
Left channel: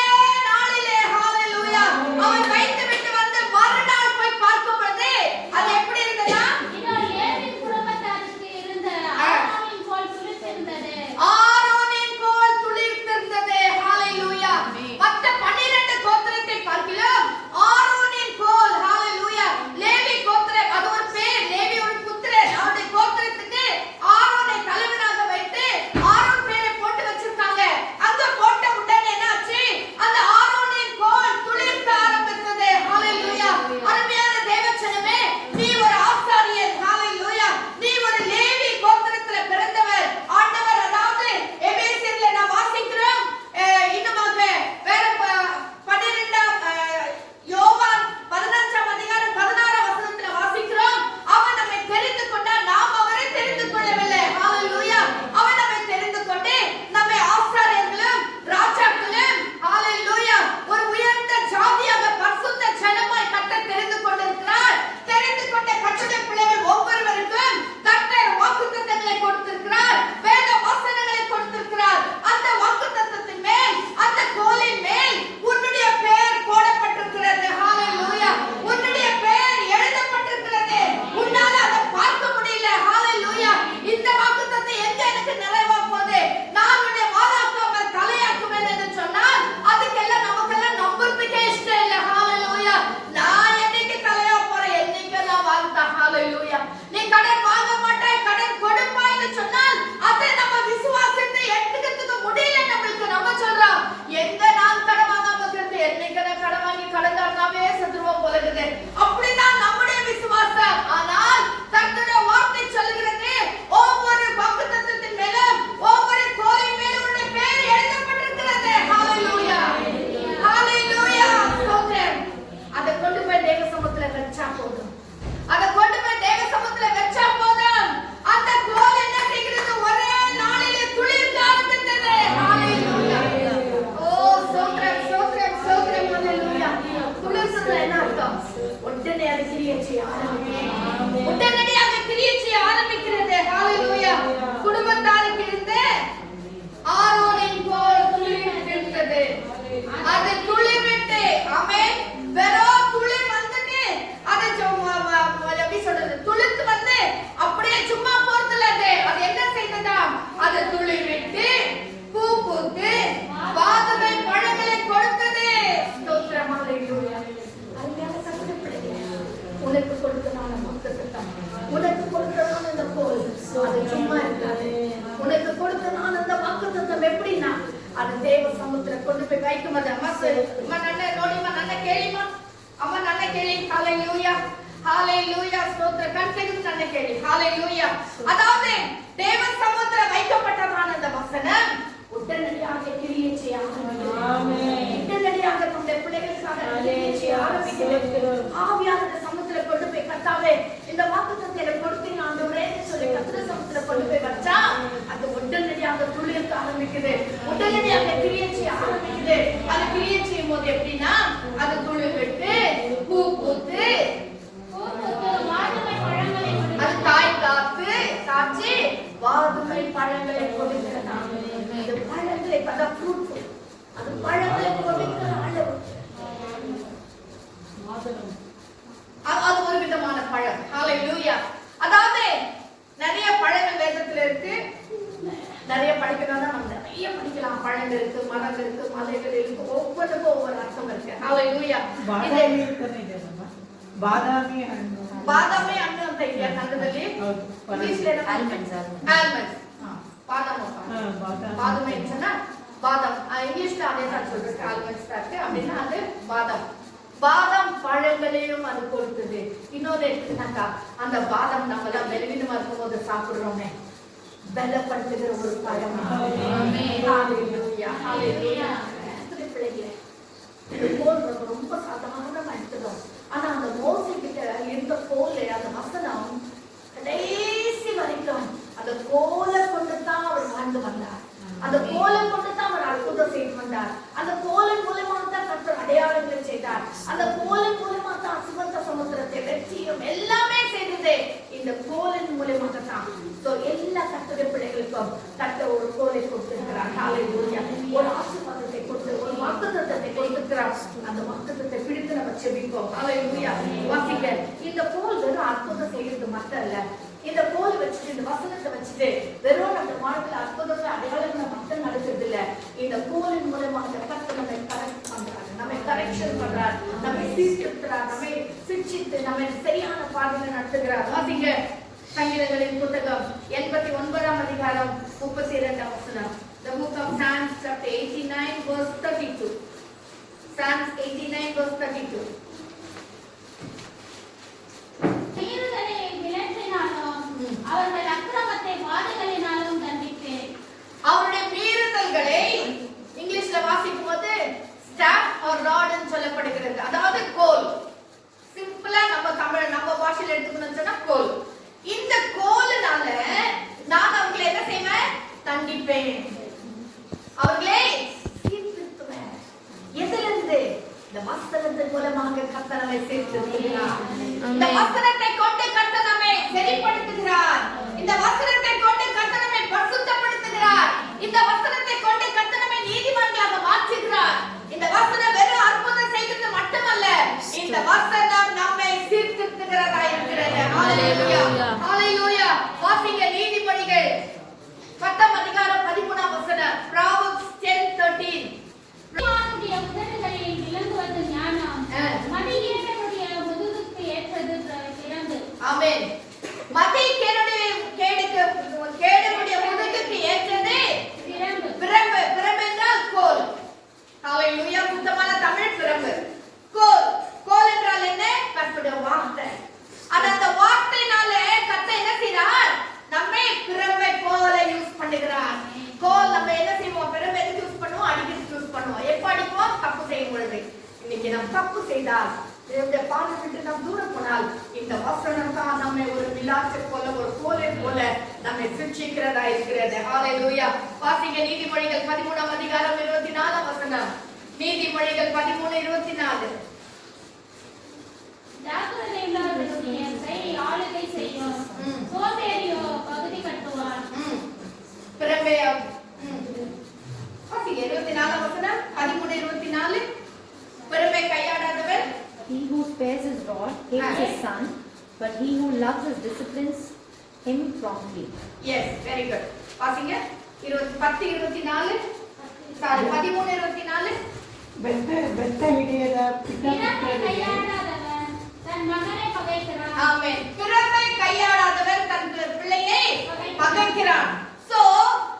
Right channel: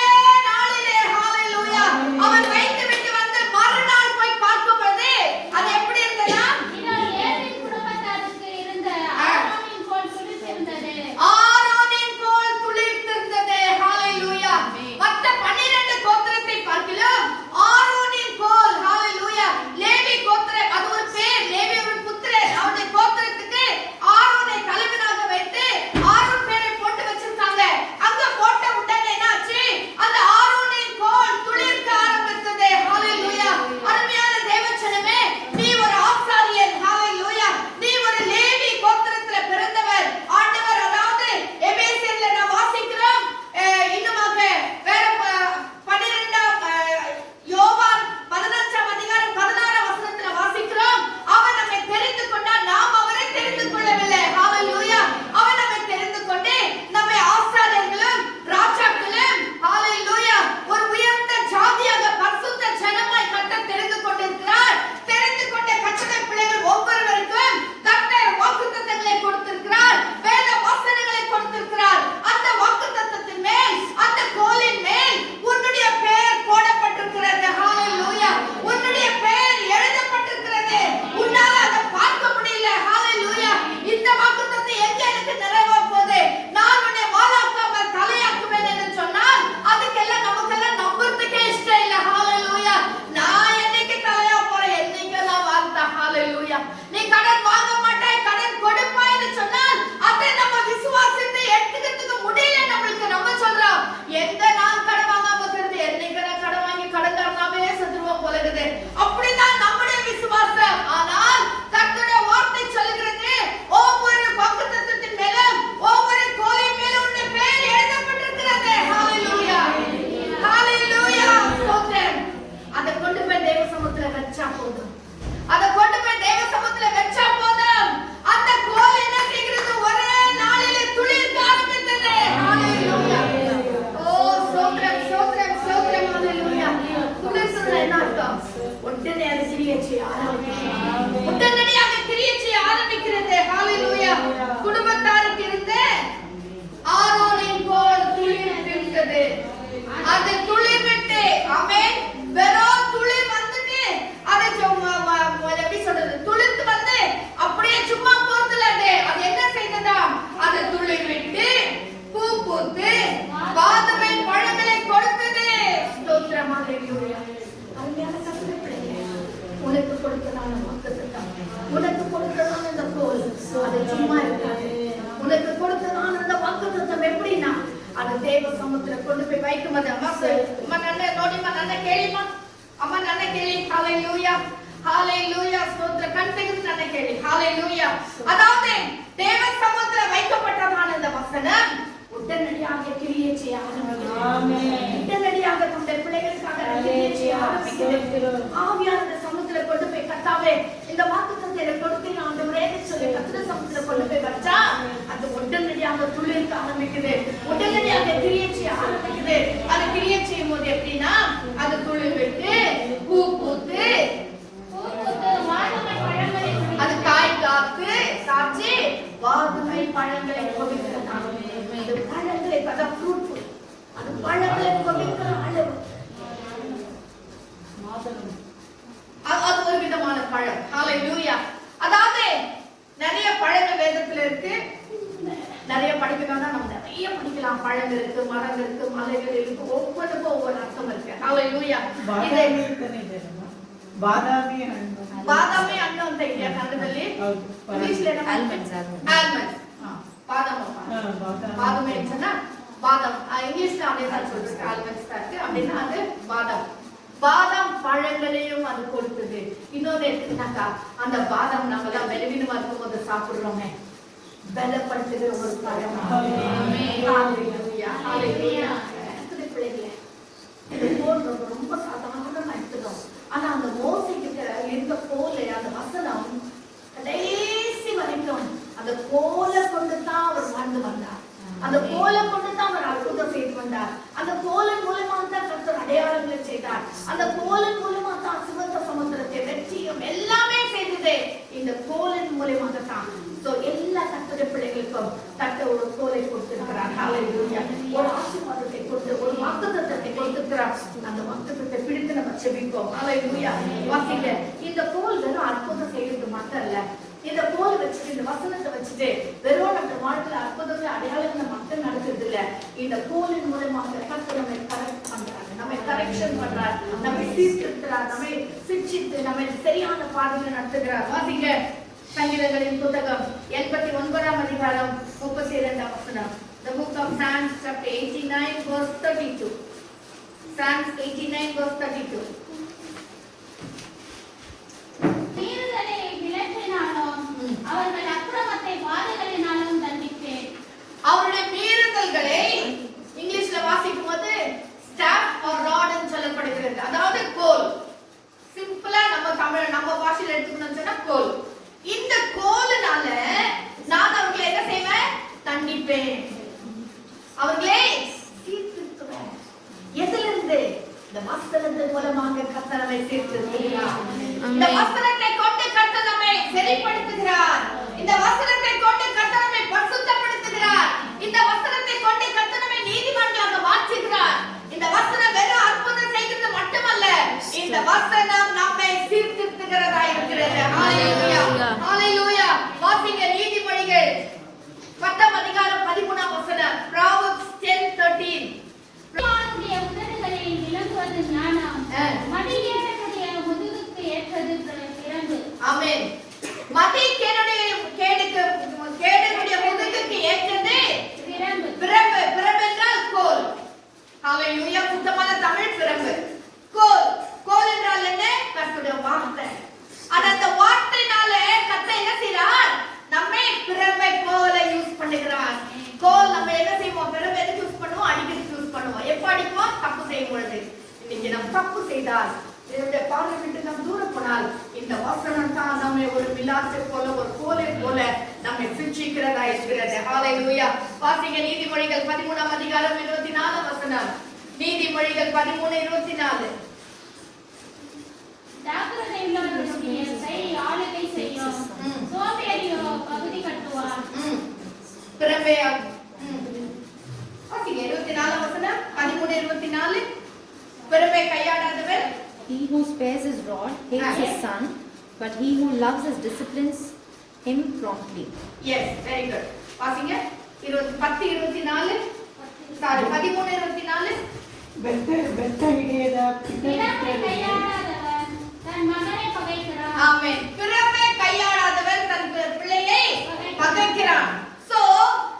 நாளிலே ஹalleluya அவன் வைத்து விட்டு வந்து மறுநாள் போய் பார்க்கும் பொழுது அது எப்படி இருந்ததா? இதோ லேவியின் குடும்பத்தாருக்கு இருந்த ஆரோனின் கோல் துளிர்த்திருந்தது. ஆரோனின் கோல் துளிர்த்திருந்தது. ஹalleluya. மற்ற 12 கோத்திரத்தை பார்க்கிலும் ஆரோனின் கோல், ஹalleluya, லேவி கோத்திரம், அது ஒரு பேர். லேவி ஒரு புத்திரன். அவருடைய கோத்திரத்துக்கு ஆரோனை தலைவனாக வைத்து ஆரோன் பேரை போட்டு வச்சிருக்காங்க. அங்க போட்ட உடனே என்னாச்சு? அந்த ஆரோனின் கோல் துளிர்க்க ஆரம்பித்தது. ஹalleluya. அருமையான தேவச்சனமே, நீ ஒரு ஆசாரியர். ஹalleluya. நீ ஒரு லேவி கோத்திரத்துல பிறந்தவர். ஆண்டவர், அதாவது எபேசியர்ல நான் வாசிக்கிறோம், இன்னுமாக வேற 12 யோவான் 15 அதிகாரம் 16 வசனத்துல வாசிக்கிறோம், அவர் நம்மை தெரிந்து கொண்டார், நாம் அவரை தெரிந்து கொள்ளவில்லை. ஹalleluya. அவர் நம்மை தெரிந்து கொண்டு நம்மை ஆசாரியர்களும் ராஜாக்களும், ஹalleluya, ஒரு உயர்ந்த ஜாதியாக பரிசுத்த ஜனமாய் கர்த்தர் தெரிந்து கொண்டிருக்கிறார். தெரிந்து கொண்ட கர்த்தருடைய பிள்ளைகள் ஒவ்வொருவருக்கும் கர்த்தர் வாக்குத்தத்தங்களை கொடுத்திருக்கிறார், வேத வசனங்களை கொடுத்திருக்கிறார். அந்த வாக்குத்தத்தத்தின் மேல், அந்த கோலின் மேல் உன்னுடைய பெயர் போடப்பட்டிருக்கிறது. ஹalleluya. உன்னுடைய பெயர் எழுதப்பட்டிருக்கிறது. உன்னால அதை பார்க்க முடியல. ஹalleluya. இந்த வாக்குத்தத்தம் எங்க எனக்கு நிறைவா போகுது? நான் உன்னை வாளாக்காமல் தலையாக்குவேன் என்று சொன்னால் அதுக்கெல்லாம் நமக்கெல்லாம் நம்புறதுக்கே இஷ்டம் இல்லை. ஹalleluya. நான் என்னைக்கு தலையா போறேன்? என்னைக்கு நான் வாழ்ந்தா? ஹalleluya. நீ கடன் வாங்க மாட்டாய், கடன் கொடுப்பாய்னு சொன்னால் அதை நம்ம விசுவாசத்தை எடுத்துக்கிறதுக்கு முடியல நம்மளுக்கு. நம்ம சொல்றோம், எந்த நாள் கடன் வாங்காம இருக்கிறது, என்னைக்கு நான் கடன் வாங்கி கடன்காரனாவே செத்துருவோம் போல இருக்குது. அப்படிதான் நம்முடைய விசுவாசம். ஆனால் கர்த்தருடைய வார்த்தை சொல்லுகிறது, ஒவ்வொரு வாக்குத்தத்தத்தின் மேலும், ஒவ்வொரு கோலின் மேலும் உன்னுடைய பெயர் எழுதப்பட்டிருக்கிறது. ஹalleluya. ஹalleluya. ஸ்தோத்திரம். அதை கொண்டு போய் தேவ சமூகத்துல வச்சா போதும். அதை கொண்டு போய் தேவ சமூகத்துல வச்சா போதும். அந்த கோல் என்ன செய்கிறது? ஒரே நாளிலே துளிர்க்க ஆரம்பித்தது. ஹalleluya. ஓ ஸ்தோத்திரம், ஸ்தோத்திரம், ஸ்தோத்திரம். ஹalleluya. துளிர்ச்சதுல என்ன அர்த்தம்? உடனே அது கிரியை செய்ய ஆரம்பிக்கிறது. உடனடியாக கிரியை செய்ய ஆரம்பிக்கிறது. ஹalleluya. குடும்பத்தாருக்கு இருந்த ஆரோனின் கோல் துளிர்த்திருந்தது. அது துளிர்விட்டு, ஆமென், வெறும் துளிர் வந்துட்டு அதை எப்படி சொல்றது, துளிர்த்து வந்து அப்படியே சும்மா போறதுல அது என்ன செய்ததாம்? அது துளிர்விட்டு பூ பூத்து வாதுமை பழங்களை கொடுத்தது. ஸ்தோத்திரம். ஹalleluya. அருமையான கர்த்தருடைய பிள்ளைகளே, உனக்கு கொடுத்ததான வாக்குத்தத்தம், உனக்கு கொடுத்ததான இந்த கோல் அது சும்மா இருக்காது. உனக்கு கொடுத்ததான இந்த வாக்குத்தத்தம் எப்படின்னா அது தேவ சமூகத்துல கொண்டு போய் வைக்கும். அது அம்மா நல்ல நோடிமா, நல்ல கேளிமா, அம்மா நல்ல கேளி. ஹalleluya. ஹalleluya. ஸ்தோத்திர. கண்ணுக்கு நல்ல கேளி. ஹalleluya. அதாவது தேவ சமூகத்துல வைக்கப்பட்டதான இந்த வசனம் உடனடியாக கிரியை செய்ய ஆரம்பிக்கிறது. ஆமென். உடனடியாக தம்முடைய பிள்ளைகளுக்காக கிரியை செய்ய ஆரம்பிக்கிறது. ஆவியானவர் சமூகத்துல கொண்டு போய், கர்த்தாவே, இந்த வாக்குத்தத்தத்தை எனக்கு கொடுத்தீங்க ஆண்டவரே என்று சொல்லி கர்த்தர் சமூகத்துல கொண்டு போய் வச்சா அது உடனடியாக துளிர்க்க ஆரம்பிக்குது. உடனடியாக கிரியை செய்ய ஆரம்பிக்குது. அது கிரியை செய்யும் போது எப்படின்னா அது துளிர் விட்டு பூ பூத்து அது காய் காத்து காய்ச்சி வாதுமை பழங்களை கொடுக்கிறதா. அது பழங்களை, அது ஃப்ரூட்ஃபுல், அது பழங்களை கொடுக்கிற அளவு. அது ஒரு விதமான பழம். ஹalleluya. அதாவது நிறைய பழங்கள் வேதத்துல இருக்கு. நிறைய படிக்கணும்னா நம்ம நிறைய படிக்கலாம். பழங்கள் இருக்கு, மரங்கள் இருக்கு, மலைகள் இருக்கு, ஒவ்வொன்றுக்கும் ஒவ்வொரு அர்த்தம் இருக்கு. ஹalleluya. ಬಾದಾಮಿ ಹಣ್ಣು, ಬಾದಾಮಿ ಹಣ್ಣು ಅಂತ ಇದೆಯಾ ಕನ್ನಡದಲ್ಲಿ? English almonds. ಬಾದಾಮ ಬಾದಾಮಿ ಅಂತಾನ பாதம். இங்கிலீஷ்ல அதே தான் சொல்றது, ஆல்மண்ட்ஸ் தான் இருக்கு. அப்படின்னா அது பாதம். பாதாம் பழங்களையும் அது கொடுத்தது. இன்னொரு எடுத்துக்கிட்டாக்கா, அந்த பாதாம் நம்ம எல்லாம் பலவீனமா இருக்கும் போது சாப்பிடுறோமே, பலப்படுத்துகிற ஒரு பழம். ஹalleluya, ஹalleluya. பிள்ளைகளே, இது போல் ரொம்ப சாதாரணமா எடுத்துக்கிறோம். ஆனா அந்த மோசைக்கிட்ட இருந்த போல அந்த வசனம் கடைசி வரைக்கும் அந்த கோலை கொண்டு தான் அவர் வாழ்ந்து வந்தார். அந்த கோலை கொண்டு தான் அவர் அற்புதம் செய்து வந்தார். அந்த கோலின் மூலமா தான் கர்த்தர் அடையாளங்களை செய்தார். அந்த கோலின் மூலமா தான் சிவந்த சமுத்திரத்தை வெற்றியும் எல்லாமே செய்தது இந்த கோலின் மூலமாக தான். சோ எல்லா கர்த்தருடைய பிள்ளைகளுக்கும் கர்த்தர் ஒரு கோலை கொடுத்திருக்கிறார். ஹalleluya. ஒரு ஆசீர்வாதத்தை கொடுத்து ஒரு வாக்குத்தத்தத்தை கொடுத்திருக்கிறார். அந்த வாக்குத்தத்தை பிடித்து நம்ம செபிப்போம். ஹalleluya. வாசிங்க. இந்த கோல் வெறும் அற்புதம் செய்யறது மட்டும் இல்ல. இந்த கோல் வச்சுட்டு, இந்த வசனத்தை வச்சுட்டு வெறும் நம்ம வாழ்க்கையில அற்புதங்களை அடையாளங்களை மட்டும் நடக்கிறது இல்ல. இந்த கோலின் மூலமாக கர்த்தர் நம்மை கரெக்ட் பண்றாரு, நம்மை கரெக்ஷன் பண்றார், நம்மை சீர்திருத்துறார், நம்மை சிக்ஷித்து நம்மை சரியான பாதையில நடத்துகிறார். வாசிங்க. சங்கீதங்களின் புத்தகம் 89ஆம் அதிகாரம் 32ஆம் வசனம். The book of Psalms chapter 89 verse 32. Psalms 89 verse 32. தீர்களை விலக்கினாலும் அவர்கள் அக்கிரமத்தை வாதைகளினாலும் தண்டிப்பேன். அவருடைய மீறுதல்களை இங்கிலீஷ்ல வாசிக்கும் போது ஸ்டாஃப் ஆர் ராட்னு சொல்லப்படுகிறது. அதாவது கோல். சிம்பிளா நம்ம பாஷையில எடுத்துக்கணும்னு சொன்னா கோல். இந்த கோலினால நான் அவர்களை என்ன செய்வேன்? தண்டிப்பேன். அவர்களே சீர்திருத்துவேன். எதிலிருந்து? இந்த வசனத்தின் மூலமாக கர்த்தர் நம்மை சீர்திருத்துகிறார். இந்த வசனத்தை கொண்டு கர்த்தர் நம்மை சரிப்படுத்துகிறார். இந்த வசனத்தை கொண்டு கர்த்தர் நம்மை பரிசுத்தப்படுத்துகிறார். இந்த வசனத்தை கொண்டு கர்த்தர் நம்மை நீதிமான்களாக மாற்றுகிறார். இந்த வசனம் வெறும் அற்புதம் செய்கிறது மட்டுமல்ல, இந்த வசனம் நம்மை சீர்திருத்துகிறதா இருக்கிறது. ஹalleluya, ஹalleluya. வாசிங்க. நீதிமொழிகள் 10ஆம் அதிகாரம் 13ஆம் வசனம். Proverbs 10:13. ஞானியுடைய உதடுகளில் விளங்குவது ஞானம், மதிகேடனுடைய முதுகுக்கு ஏற்றது பிரம்பு. ஆமென். மதிகேடனுடைய கேடுடைய முதுகுக்கு ஏற்றது பிரம்பு. பிரம்பு. பிரம்பு என்றால் கோல். ஹalleluya. சுத்தமான தமிழ் பிரம்பு. கோல். கோல் என்றால் என்ன? கர்த்தருடைய வார்த்தை. அந்த வார்த்தையினால கர்த்தர் என்ன செய்றார்? நம்மை பிரம்பை போல யூஸ் பண்ணுகிறார். கோல் நம்ம என்ன செய்வோம்? பிரம்பை எதுக்கு யூஸ் பண்ணுவோம்? அடிக்கிறதுக்கு யூஸ் பண்ணுவோம். எப்ப அடிப்போம்? தப்பு செய்யும் பொழுது. இன்னைக்கு நம்ம தப்பு செய்தால், தேவனுடைய பார்வை விட்டு நாம் தூரம் போனால், இந்த வசனம் தான் நம்மை ஒரு விலாசை போல, ஒரு கோலை போல நம்மை சிக்ஷிக்கிறதா இருக்கிறது. ஹalleluya. வாசிங்க. நீதிமொழிகள் 13ஆம் அதிகாரம் 24ஆம் வசனம். நீதிமொழிகள் 13:24. ஜாக்கிரதை உள்ளவர்களுடைய கை ஆளுகை செய்யும், சோம்பேறியோ பகுதி கட்டுவார். பிரம்பையா. வாசிங்க. 24ஆம் வசனம். 13:24. பிரம்பை கையாடாதவர். He who spares his rod hates his son, but he who loves his disciplines him promptly. Yes, very good. வாசிங்க. 10:24. சாரி, 13:24. பெத்த இடையத பிரம்பை கையாடாதவன் தன் மகனை பகைக்கிறான். ஆமென். பிரம்பை கையாடாதவன் தன் பிள்ளையை பகைக்கிறான். சோ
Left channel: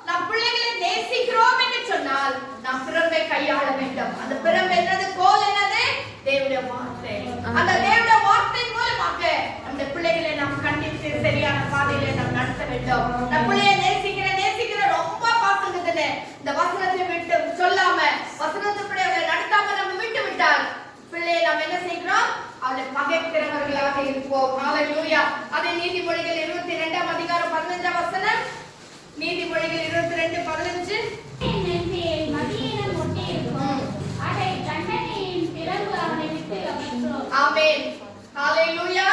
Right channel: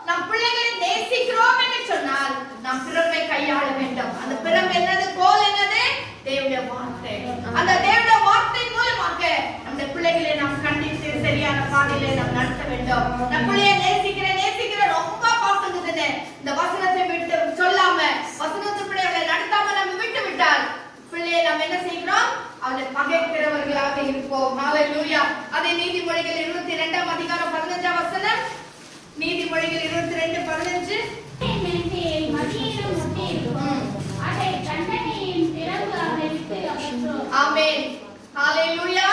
நம் பிள்ளைகளை நேசிக்கிறோம் என்று சொன்னால் நாம் பிரம்பை கையாள வேண்டும். அந்த பிரம்பு என்னது? கோல் என்னது? தேவனுடைய வார்த்தை. அந்த தேவனுடைய வார்த்தை மூலமாக அந்த பிள்ளைகளை நாம் கண்டித்து சரியான பாதையிலே நாம் நடத்த வேண்டும். நம் பிள்ளையை நேசிக்கிற ரொம்ப பாசங்குதுன்னு இந்த வசனத்தை விட்டு சொல்லாம, வசனத்தை பிள்ளைகளை நடத்தாம நம்ம விட்டு விட்டால் பிள்ளையை நாம் என்ன செய்கிறோம்? அவளை பகைக்கிறவர்களாக இருப்போம். ஹalleluya. அதே நீதிமொழிகள் 22ஆம் அதிகாரம் 15ஆம் வசனம். நீதிமொழிகள் 22:15. மதியிடம் ஒட்டி இருக்கும், அதை தண்டனையின் பிறகு அவனை விட்டு அகற்றும். ஆமென். ஹalleluya.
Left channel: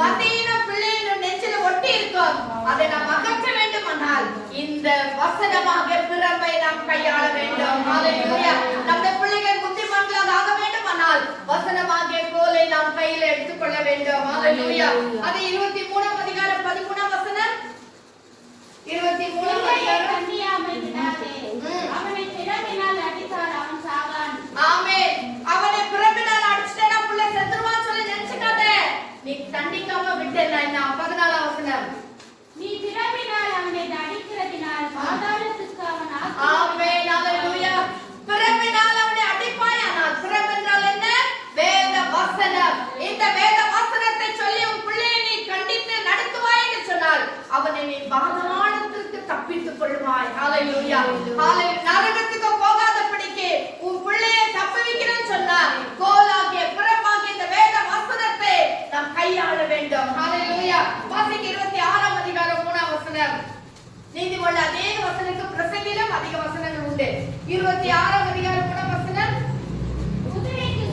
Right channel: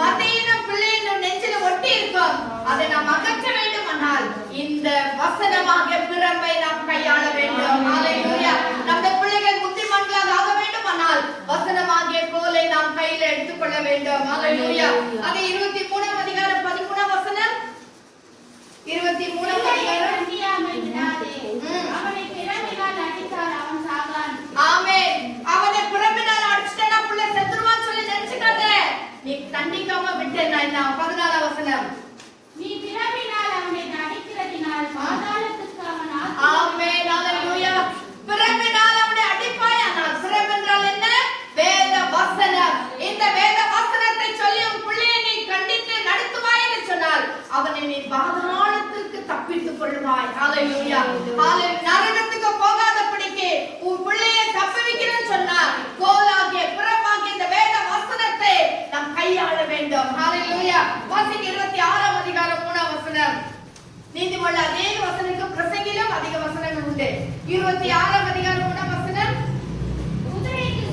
மதியினம் பிள்ளையின் நெஞ்சில ஒட்டி இருக்கும், அதை நாம் அகற்ற வேண்டுமானால் இந்த வசனமாக பிரம்பை நாம் கையாள வேண்டும். ஹalleluya. நம்முடைய பிள்ளைகள் புத்திமான்களாக ஆக வேண்டுமானால் வசனமாகிய கோலை நாம் கையில எடுத்துக்கொள்ள வேண்டும். ஹalleluya. அதே 23ஆம் அதிகாரம் 13ஆம் வசனம். 23ஆம் அதிகாரம். அவனை பிரம்பினால் அடித்தால் அவன் சாகான். ஆமென். அவனை பிரம்பினால் அடிச்சிட்டா புள்ள செத்துருவான்னு சொல்லி நினைச்சுக்காத. நீ தண்டிக்காம விட்டேன்னா என்ன? 14ஆம் வசனம். நீ பிரம்பினால் அவனை அடிக்கிறதினால் பாதாளத்துக்கு அவன் ஆமென். ஹalleluya. அவனை நீ பாதாளத்திற்கு தப்பித்துக் கொள்வாய். ஹalleluya. ஹalleluya. நரகத்துக்கு போகாதபடிக்கு உன் பிள்ளையை தப்புவிக்கிறேன்னு சொன்னார். கோலாகிய புறமாகிய இந்த வேத வசனத்தை நாம் கையாள வேண்டும். ஹalleluya. வாசிங்க 26ஆம் அதிகாரம் 3ஆம் வசனம். நீதிமொழி அதே வசனத்துக்கு பிரசங்கிலும் அதிக வசனங்கள் உண்டு. 26ஆம் அதிகாரம் 3ஆம் வசனம். குதிரைக்கு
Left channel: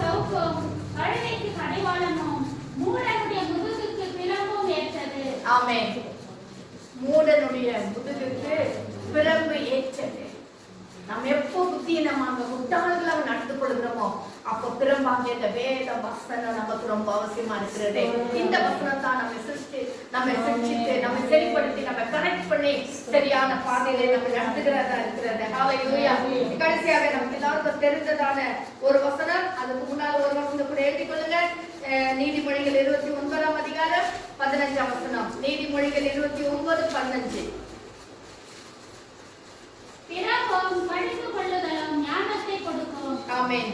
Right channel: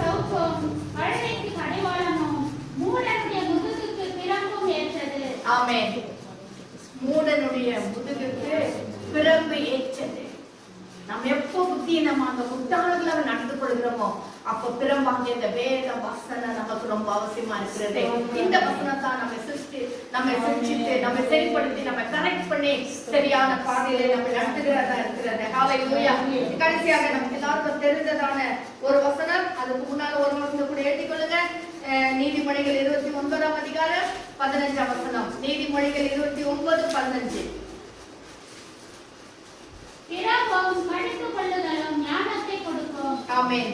சவுக்கும் கழுதைக்கு கடிவாளமும் மூடனுடைய முதுகுக்கு பிரம்பும் ஏற்றது. ஆமென். மூடனுடைய முதுகுக்கு பிரம்பு ஏற்றது. நாம் எப்போ புத்தியினமாக முட்டாள்களாக நடந்து கொள்கிறோமோ அப்போ பிரம்பாகிய இந்த வேத வசனம் நமக்கு ரொம்ப அவசியமா இருக்கிறது. இந்த வசனம் தான் நம்மை சிருஷ்டித்து நம்மை சரிப்படுத்தி நம்ம கரெக்ட் பண்ணி சரியான பாதையிலே நம்ம நடத்துகிறதா இருக்கிறது. ஹalleluya. கடைசியாக நமக்கு எல்லாருக்கும் தெரிந்ததான ஒரு வசனம், அதுக்கு முன்னால் ஒரு வசனம் கூட எழுதி கொள்ளுங்க. நீதிமொழிகள் 29ஆம் அதிகாரம் 15ஆம் வசனம். நீதிமொழிகள் 29:15. பிரம்பும் கடித்துக் கொள்ளுதலும் ஞானத்தை கொடுக்கும். ஆமென்.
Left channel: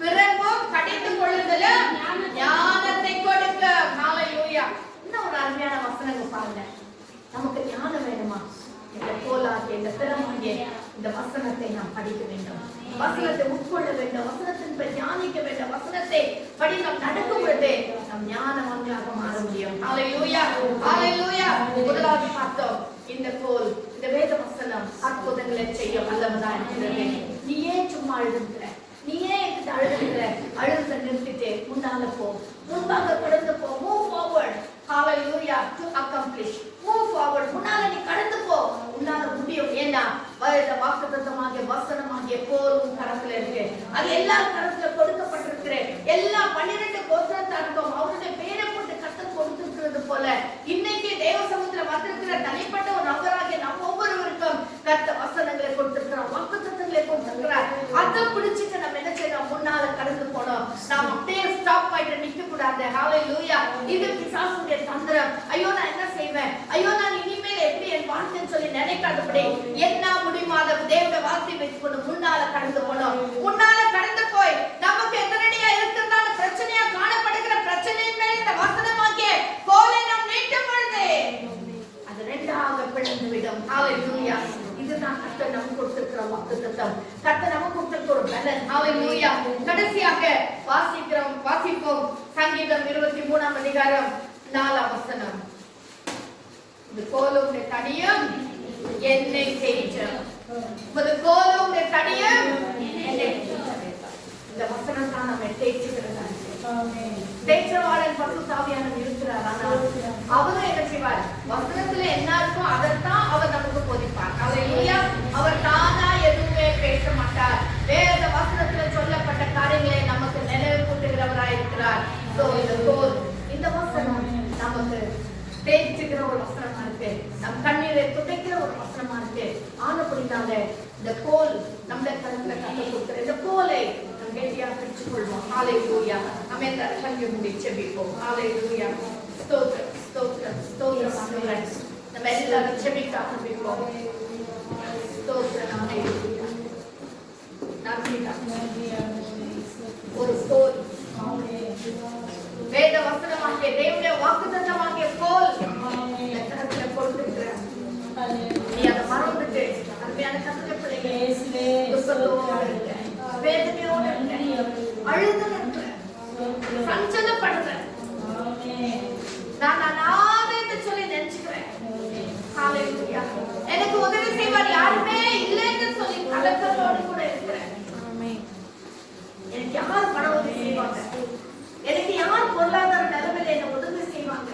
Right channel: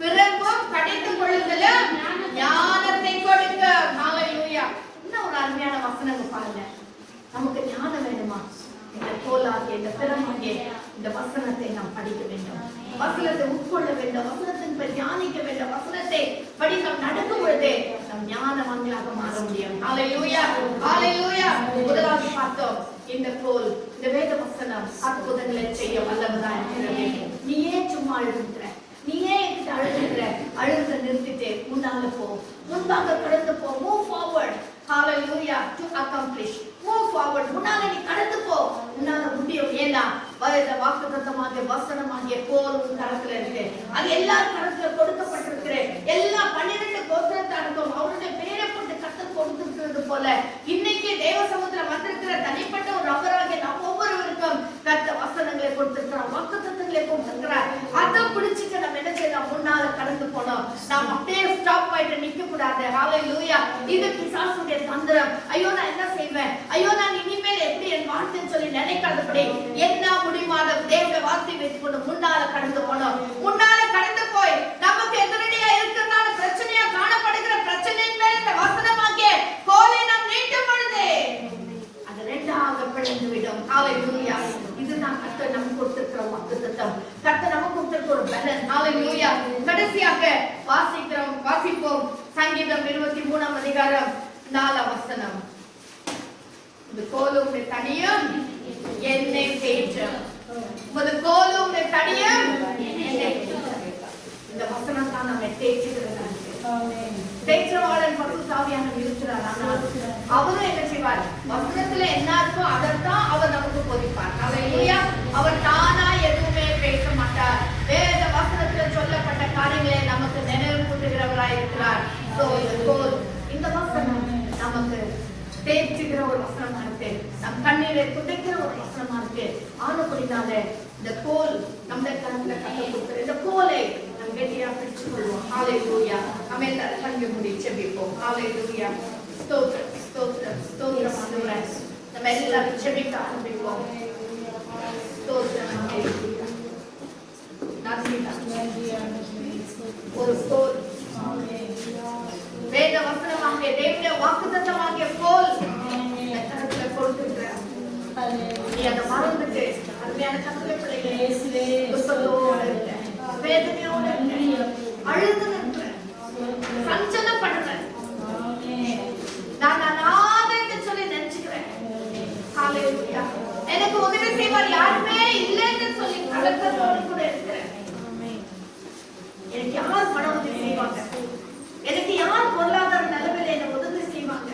பிரம்பும் கடித்துக் கொள்ளுதலும் ஞானத்தை கொடுக்கும். ஹalleluya. இன்னும் ஒரு அருமையான வசனங்க பாருங்க. நமக்கு ஞானம் வேணுமா? இந்த கோலாகிய இந்த பிரமாகிய இந்த வசனத்தை நாம் படிக்க வேண்டும். வசனத்தை உட்கொள்ள வேண்டும். வசனத்தின் பற்றி தியானிக்க வேண்டும். வசனத்தை படி நாம் நடக்கும் பொழுது நம் ஞானவான்களாக மாற முடியும். ஹalleluya. ஹalleluya. முதலாவது பார்த்தோம், இந்த கோல் இந்த வேத வசனம் அற்புதங்களை செய்ய வல்லவதா இருக்கிறது. நீ ஏன் சும்மா அழுதுகிற? நீ ஏன் அழுத நிறுத்திட்டு முன்னால போ, முன்பாக கடந்து போ. Move forward. Hallelujah. to accomplish. Move forward. முன்னால நீ கடந்து போ. உன்னால முடியும். ஏன்னா வாக்குத்தத்தமாகிய வசனமாகிய கோல் உன் கரத்துல இருக்கு. அது எல்லா கரத்துல கொடுக்கப்பட்டிருக்கிற எல்லா 12 கோத்திரத்தாருக்கும் அவருடைய பேரை போட்டு கர்த்தர் கொடுத்திருக்கிறது போல இன்னைக்கு தேவ சமூகத்துல வந்திருக்கிற தனிப்பட்ட ஒரு நபராகிய நம்ம ஒவ்வொருவருக்கும் கர்த்தர் வசனங்களை கொடுத்திருக்கிறார், வாக்குத்தத்தங்களை கொடுத்திருக்கிறார். அதை பிடிச்சிட்டு நம்ம என்ன செய்யணும்? முன்னால கடந்து போனோம். நாம் அப்படியே ஸ்டாப் ஆயிட்டு நிக்க கூடாது. ஹalleluya. இது பிசாசுடைய தந்திரம். ஐயோ நான் என்ன செய்வேன், ஐயோ நான் இனிமேல் எப்படி என் வாழ்க்கைன்னு சொல்லி நினைக்காதபடி என்ன முடியுமாத தேவனுடைய வார்த்தை வைத்துக் கொண்டு முன்னால கடந்து போனோம். முன்னால கடந்து போய் நமக்கு எதிரடியா இருக்கிறதால பிரச்சனையா காணப்படுகிற பிரச்சனையின் மேல் இந்த வசனமாகிய கோலை நாம் நீட்டும் பொழுது அது ரெண்டாக பிளந்து விடும். ஹalleluya. இதுதான் கர்த்தர் நமக்கு கொடுத்திருக்கிற வாக்குத்தத்தம். கர்த்தர் நமக்கு கொடுத்திருக்கிற ஒரு பலன். ஹalleluya. கடைசியாக வாசிப்போம் சங்கீதம் 23ஆம் அதிகாரம் 4ஆம் வசனம். இந்த கோலும் தடியும் என்னை தேற்றும். கோலும் தடியும் என்னை தேற்றும். இந்த வசனம் தான் நம்ம தேய்ச்சுகிறது. தேய்ச்சவாளன் பரிசுத்தாவியானவர் இருக்கிறார். ஆனால் அவரும் என்ன செய்வார்? வசனத்துல என்ன இருக்கோ அதைத்தான் அவர் நமக்கு போதிப்பார். ஹalleluya. அவர் தானா எதுவுமே பேச மாட்டார். வேத வசனத்துல சொல்லப்பட்ட காரியங்களை நமக்கு நினைவு கூட்டுகிறவராய் இருக்கிறார். இந்த வசனம் நமக்கு தேய்ச்சுகிற ஒரு வசனமா இருக்கு. நம் கண்ணீரை துடைக்கிற ஒரு வசனமா இருக்கு. ஆனபடினால இந்த கோல் நம்முடைய கருத்துல கட்ட கொடுக்கிற இந்த கோலை நம் கெட்டியா பிடிச்சு கொள்வோம். ஹalleluya. நம்ம எல்லாரும் கண்ணை மூடி ஜெபிப்போம். ஹalleluya. ஸ்தோத்திரம் ஸ்தோத்திரம் ஸ்தோத்திரம் ஆண்டவரே. நம்ம எல்லாரும் ஜெபிக்க ஆரம்பிப்போம். ஸ்தோத்திரம். ஹalleluya. நன்றி. ஒரு கோல் வேத வசனமாகிய தேவனுடைய வாக்குத்தத்தமாகிய கோல் கரத்துல கொடுத்திருக்கிறார். நீ அதை மறந்துட்டு அருமையான கர்த்தருடைய பிள்ளைகளே துக்கத்தோட இருக்க, வேதனையோட இருக்க, அழுது நிற்கிற, சஞ்சலப்படுற, நான் என்று சொல்லி நினைச்சுக்கிறேன். ஹalleluya. எனக்கு உதவி செய்வார் யாருமே இல்லைன்னு சொல்லி கலக்கத்தோடு கூட இருக்கிறேன். எனக்கு யார் பண உதவி செய்வாங்க? எனக்கு யார் பொருளாதார நிலைமையில என்ன உதவி செய்வாங்க?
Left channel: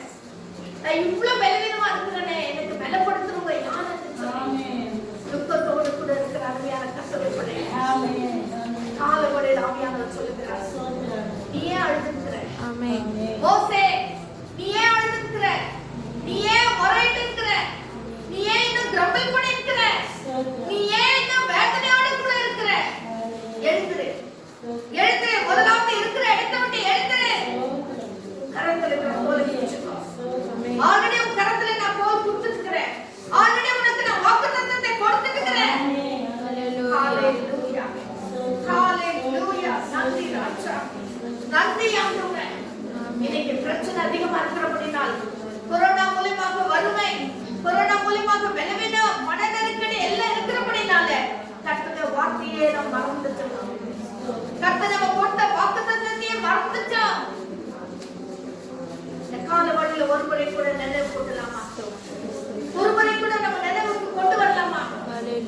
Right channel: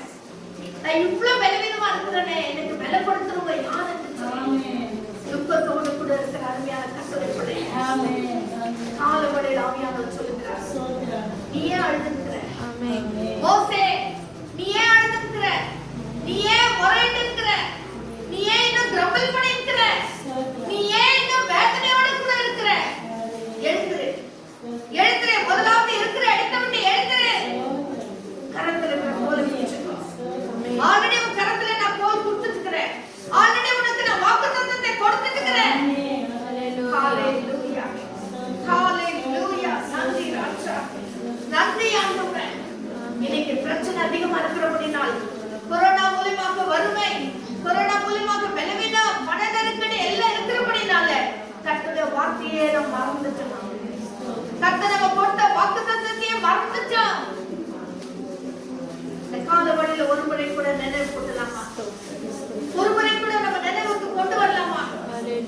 நான் இவ்வளவு பலவீனமா இருக்கிறேனே, எனக்கு பலப்படுத்துறவங்க யாருன்னு சொல்லி துக்கத்தோடு கூட இருக்கிற அருமையான கர்த்தருடைய பிள்ளைகளே, காலவரையில் ஆவியானவர் சொல்லுகிறார், நீ ஏன் அழுதுகிற? மோசே நீ ஏன் அழுதுகிற? நீ ஏன் முறையிட்டு இருக்கிற? நீ ஏன் இன்னும் கிரம்பிள் பண்ணி இருக்கிற? நீ ஏன் இன்னும் வேதனையோடு கூட இருக்கிற? எழுந்துரு, எழுந்துரு. முதலாவது இருக்கிற இடத்தை விட்டு எழுந்துரு. கரத்துல இருக்கிற கோலை பிடிச்சுக்கோ. ஆல்ரெடி உன் கரத்துல நான் கோல் கொடுத்துக்கிறேன். ஆல்ரெடி உனக்கு நான் வாக்குத்தத்தத்தை கொடுத்துக்கிறேன். ஹalleluya. ஹalleluya. நன்றி ராஜா, நன்றி ஆண்டவரே. இன்னைக்கு மறந்துட்டோம். கர்த்தர் நம்ம கொடுத்த வாக்குத்தத்தத்தையே மறந்துட்டோம். இந்த கால வழியில ஒரு முறை கூட நினைவு கொள்ளலாமா? ஒரு முறை கூட நம்ம நினைவுக்கு கொண்டு வரலாமா?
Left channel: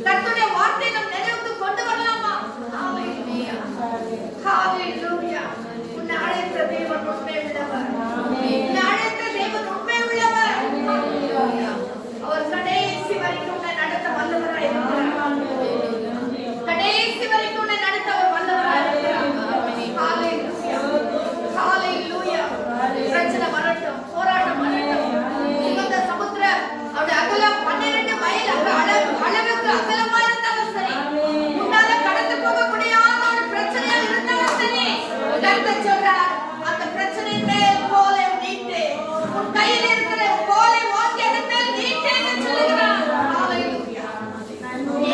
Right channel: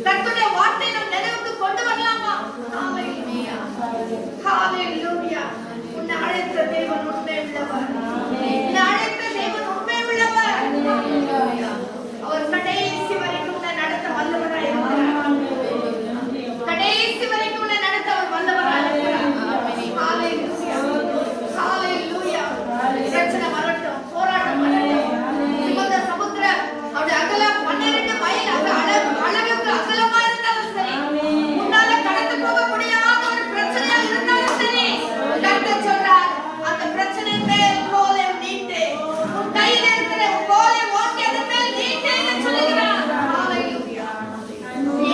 கர்த்தருடைய வார்த்தை நம்ம நினைவுக்கு கொண்டு வரலாமா? ஹalleluya, ஹalleluya. உன்னை அழைத்த தேவன் உண்மை உள்ளவர். உன்னை அழைத்த தேவன் உண்மை உள்ளவர். அவர் கடைசி வரைக்கும் உன்னை நடத்த வல்லவராய் இருக்கிறார். கடைசி வரைக்கும் உன்னை நடத்த அவர் வல்லவராய் இருக்கிறார். ஹalleluya, ஹalleluya. பிரச்சனை வரட்டும், போராட்டம் வரட்டும், இந்த சமுத்திரம் அவருடைய அகலம் 12 மைல் அளவுக்கு அகலமா இருந்தாலும் சரி, உன்னால கடந்து போக முடியாத ஒரு பிரச்சனையா இருந்தாலும் சரி, கர்த்தர் சொல்றார், அந்த பிரச்சனை மேல் கோலை நீட்டு, உன் கையில் இருக்கிற கோலை ஓங்கி அதன் மேல் நீட்டேன்னு சொல்லுகிறார். ஹalleluya.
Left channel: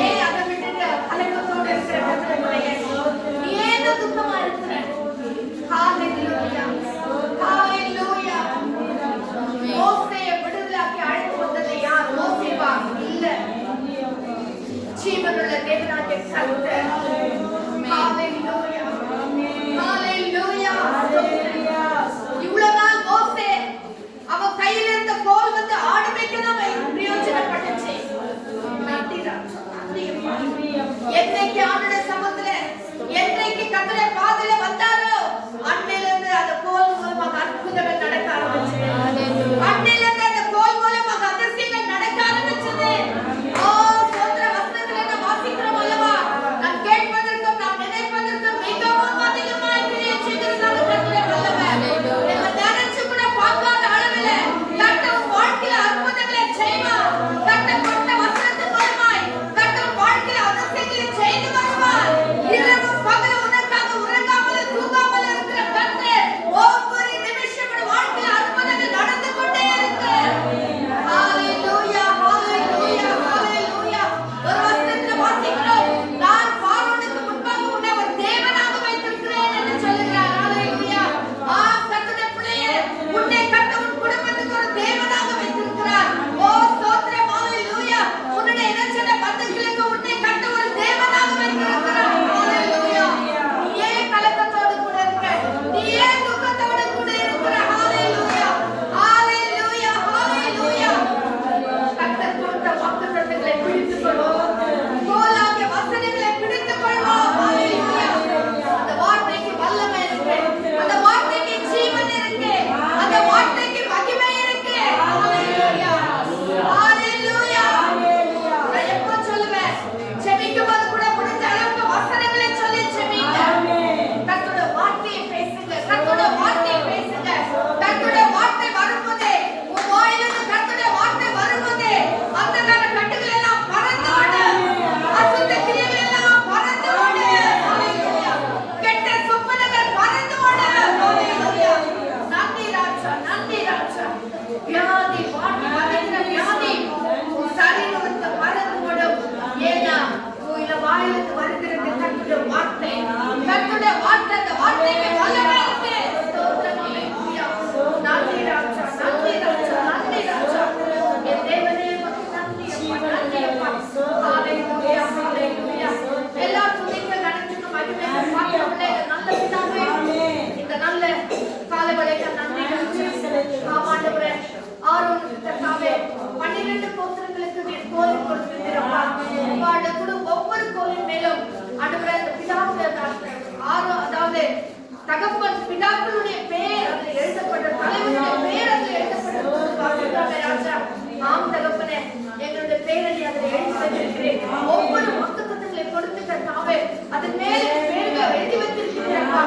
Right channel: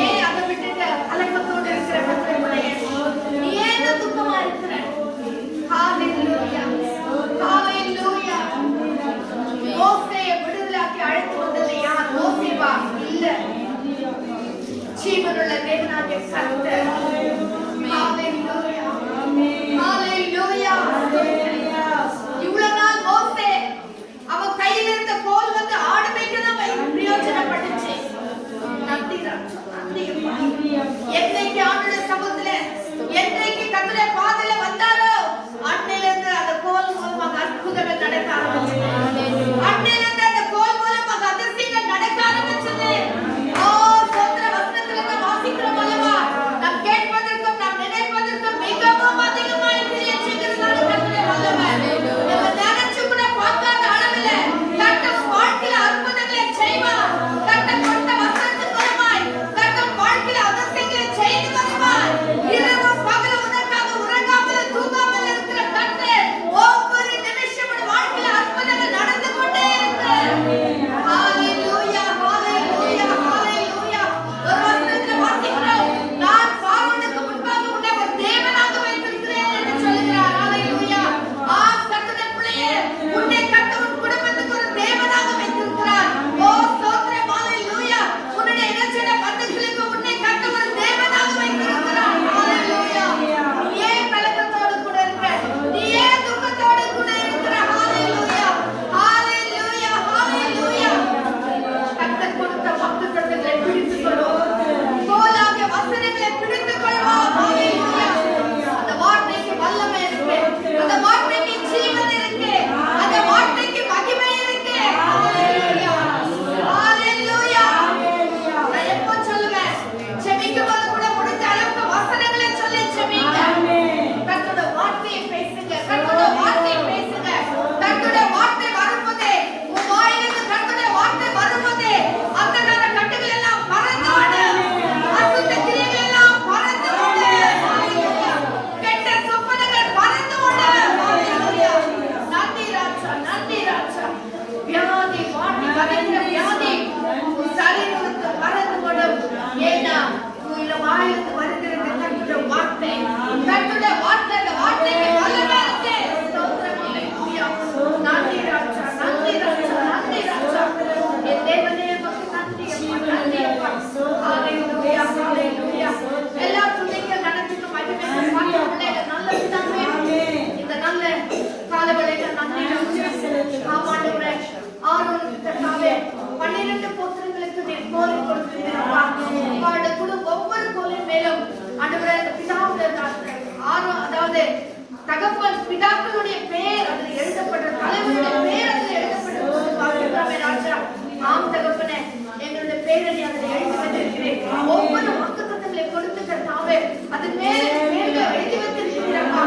ஏன் அதை விட்டுட்டு கலக்கத்தோடு இருக்கிற பிரச்சனையே? நீ ஏன் துக்கமா இருக்கிற? ஹalleluya, ஹalleluya. மோசேயை விடுதலையாக்கி அழைத்து வந்தது யார்? மோசேவா? இல்ல, ஜீவனுள்ள தேவனாகிய கர்த்தர். ஹalleluya, ஹalleluya. இவ்வளவு நாள் மோசே அவன் கையில் இருந்த கோல் வந்து ஆடு மேய்க்கதான் பிரயோஜனப்பட்டுச்சு. நன்றி ராஜா, நன்றி அப்பா. என்னைக்கு ஆண்டுடைய சமூகத்துல, என்னைக்கு கர்த்தருடைய பாதையில வந்தாரோ, அன்னையிலிருந்து அந்த கோல் மூலமாக அற்புதங்கள் நடக்க ஆரம்பிச்சது. அன்னையிலிருந்து அந்த கோல் மூலமாக அதிசயங்கள் நடக்க ஆரம்பிச்சது. ஓ சோதர வசனத்துல நாம் வாசிக்கிறோம் அல்லவா? நாம் கேட்பதற்கும் நாம் நினைப்பதற்கும் மிகவும் அதிகமாய் கிரியை செய்கிறதால கர்த்தருடைய வல்லமை நம்ம நினைச்சு கூட பார்க்காத அளவில் கர்த்தர் வாழ்க்கையில அற்புதங்களை செய்வார். கர்த்தர் கொடுத்த வசனத்தின் மூலமாய் கர்த்தர் வாழ்க்கையில அதிசயங்களை செய்து வருவார். இரவும் பகலும் உனக்காக உறங்காமல் தூங்காமல் இருக்கிற கர்த்தர் ஒவ்வொரு நிமிஷமும் வாழ்க்கையில அற்புதங்கள் நடந்து கொண்டே இருக்கு. ஹalleluya, ஹalleluya, ஹalleluya. ஒரு வசனத்துல வாசிக்கிறோம், நான் பார்வோனுக்கு முன்பாக உன்னை ஒரு தேவனாக வைத்திருக்கிறேன் என்று சொல்கிறார். ஹalleluya. கர்த்தருடைய பிள்ளையே, உன்னை கர்த்தர் உன் குடும்பத்துக்கு ஒரு தேவனாக வைத்திருக்கிறார். ஓ ஸ்தோத்திரம், ஹalleluya. உன்னுடைய இனச்சட பந்துகளுக்கு உன்னை கர்த்தர் ஒரு தேவனாக வைத்திருக்கிறார். ஹalleluya. நீ ஏன் கலக்கத்தோடு கூட இருக்க? நீ ஏன் துக்கத்தோடு கூட இருக்கிற? ஹalleluya, ஹalleluya, ஹalleluya. கர்த்தர் கொடுத்த வாக்குத்தத்தங்களை பிடித்துக் கொள்வோம். கோலாகிய வசனங்களை பிடித்துக் கொள்வோம். ஹalleluya. அந்த வார்த்தைக்கு வல்லமை இருக்கு, அந்த வார்த்தைக்கு ஜீவன் இருக்கு, அந்த வார்த்தைக்கு மகிமை இருக்கு. ஹalleluya, ஹalleluya. நான் எப்போ சொல்லுவேன், ஜெபிக்கும் போது கூட முடிஞ்ச அளவுக்கு வசனங்களை சொல்லி ஜெபிங்க. கர்த்தருடைய வார்த்தையை பேசுங்க, கர்த்தருடைய வார்த்தையை பேசுங்க. கர்த்தருடைய வார்த்தை வரும்போதே, உன் வாயிலிருந்து கர்த்தருடைய வார்த்தை வரும்போதே, அந்த கட்டுகள் எல்லாம் பறந்து ஓடும், அசுத்த கிரியைகள் எல்லாம் பறந்து ஓடும். ஹalleluya. கெட்ட சொப்பனங்கள் பறந்து ஓடும். ஹalleluya. நன்றி ராஜா, நன்றி ராஜா. வியாதி வாட்டி வதைக்கிற வியாதி உன் சரீரத்தை பறந்து ஓடும். ஏன்னா உன் வாயிலிருந்து வருகிறது கர்த்தருடைய வார்த்தை. கர்த்தருடைய வார்த்தை, அந்த வார்த்தைக்கு வல்லமை இருக்கு. ஸ்தோத்திரம், ஹalleluya. நன்றி ராஜா, நன்றி ராஜா, நன்றி ராஜா. என் தேவனே உமக்கு நன்றி அப்பா, நன்றி அப்பா. ஹalleluya, ஹalleluya. எல்லா துதிக்கும் கனத்துக்கும் மகிமைக்கும் பாத்திர பிள்ளைகள் நல்ல பிதாவே, இந்த நல்ல காலவேளையில நன்றி ராஜா. ஆமாண்டவரே, ஆரோனுக்கு கர்த்தாவே 12 கோத்திரங்களுக்கு நீர் கோலை கொடுத்திருக்கிறப்பா. உங்களுடைய குழு ஒவ்வொரு கோலின் மேலும் ஆண்டவரே, இந்த பிதாவுடைய அதாவது தகப்பன் பிதாக்களுடைய பேர் அதில் எழுதப்பட்ட, தலைவருடைய பேர் அதில் எழுதப்பட்டிருப்பது பார்க்கிறோமே ராஜா. ஆம் தகப்பனே, எங்களுடைய பேரை அதில் எழுதி வைத்திருக்கிறேன். ஒவ்வொரு வாக்குத்தத்தங்களை கொடுத்து கர்த்தாவே அதன் மேல பேர்களை எழுதி வைத்திருக்கிறீரப்பா.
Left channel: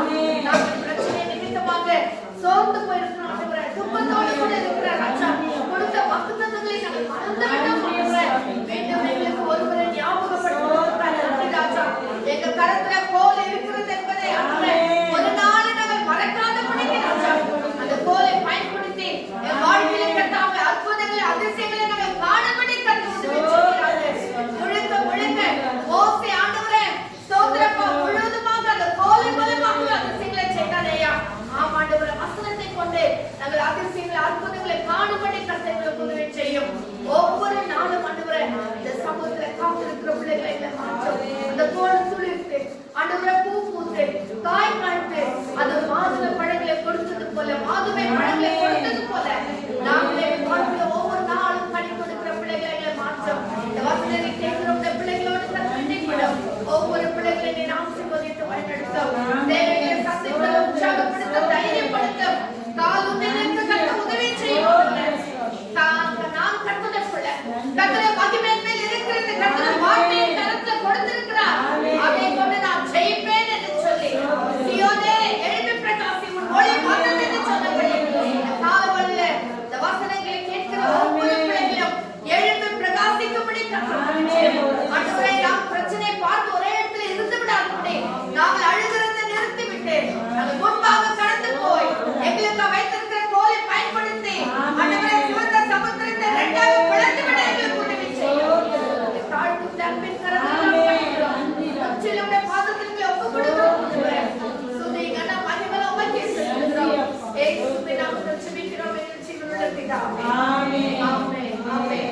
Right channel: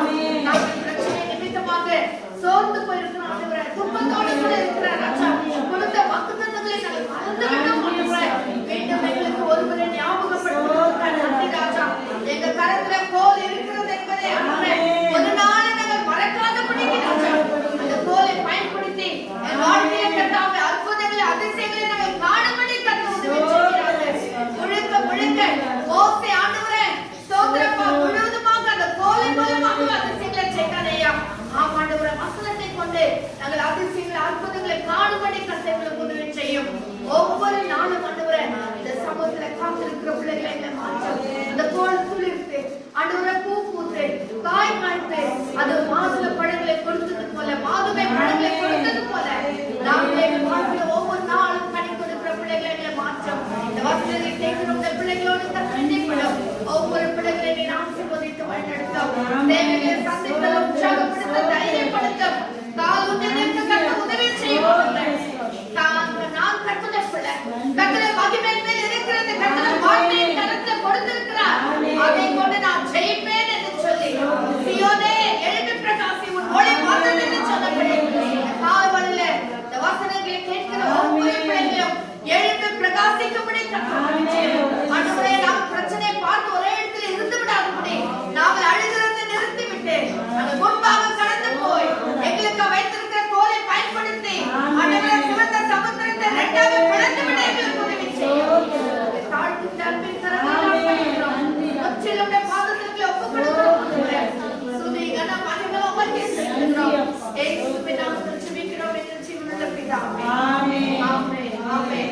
நாங்கள் பிரச்சனை நிமித்தமாக சோர்ந்து போயிருக்கிறோம் ஆண்டவரே, துன்பத்தோடு கூட இருக்கிற ராஜா. கொடுத்த வாக்குத்தத்தங்களை நாங்கள் மறந்து விட்டோம் ஆண்டவரே. மீண்டும் எங்களுக்கு ஒருவரை ஞாபகப்படுத்துவதற்காக நன்றி ராஜா. எங்க கரத்துல கோல் இருக்கிறது என்பதை ஆண்டவரே ஒரு நாள் நாங்கள் மறக்காதபடிக்கு ராஜா, அந்த கோலை பயன்படுத்தி என் வாழ்க்கையில கர்த்தாவே அற்புதங்களை அதிசயங்களை நாங்கள் காணும்படி கர்த்தர் உதவி செய்கிறார்கள். முழுக்க முழுக்க மோசே ஆண்டவரே ஸ்தோத்திரப்பா, முழுவதுமாக அந்த கோலை மூலமாக அதிசயங்களை செய்கிறானேயா. ஆமாண்டவரே, வசனத்தை கொண்டு நாங்கள் அதிசயங்களை அற்புதங்களை காணும்படி கர்த்தர் உதவி செய்யும். ஒவ்வொரு நாளும் ஆண்டவரே இந்த சமூகத்துல காத்திருக்கிற பிள்ளைகளை எங்களை மாற்றும். அந்த கோடு துளிர்த்து ஆண்டவரே பூ பூத்து காய் காய்த்து அது மாதுளை பழங்களை கொடுத்தது போல, மாதுளை பழங்களை கொடுத்தது போல நாங்களே வாழ்க்கையில ஒவ்வொரு நாளும் கனி கொடுக்கிற பிள்ளைகளை எங்களை மாற்றும். இந்த வசனத்தை கேட்கிற இந்த பிள்ளைகளோடு கற்றுப்படும் ஒவ்வொரு பிள்ளைகளை நீ ஆசீர்வதித்து வழிநடத்தும். தேவைகளை சந்தித்தல், உற்சாகப்படுத்த, தைரியப்படுத்தும். கால் உன்னதற்கு கத்த உதவி செய்வாங்க. நான் கற்பதை பிள்ளை கத்தரை மகிமையின் மேல் இருக்கிறது. கத்தரை வார்த்தையை கரத்துல கொடுத்திருக்கிறார். அதை கொண்டு நான் ஜெயிப்பேன் என்று சொல்லி சீயோனே எழும்பி பிரகாசி, உன் ஒளி வந்தது என்று சொன்னபடி இந்த காலவழியில இந்த வசனங்களை கேட்கிற ஒவ்வொரு பிள்ளைகளையும் எழும்பி பிரகாசிக்கும்படி ஆண்டவரே, நாம் பிரச்சனையை பார்த்து ஒரே இடத்துல இருந்து விடாதபடி நாங்கள் அழுகிறதை நிறுத்திவிட்டு நாங்கள் முன்பாக கடந்து போய் எங்களுக்கு வைத்திருக்கிற கோலை பயன்படுத்தி ஆண்டவரே சிவந்த சமுத்திரத்தை இரண்டாக பிளந்து விட எங்களுக்கு உதவி செய்யும். தாழ்த்தி தன்பின் கரத்தில் நாம் பணிகிறோம். முற்றிலும் பாதத்திற்கு ஒப்புக் கொடுக்கிறோம். சுதி கன மகிமை உமக்கே செலுத்துகிறோம். இயேசுவின் நாமத்தில் ஜெபிக்கிறோம் எங்கள் ஜீவனுள்ள பிதாவே. ஆமென். ஆமென். ஆமென்.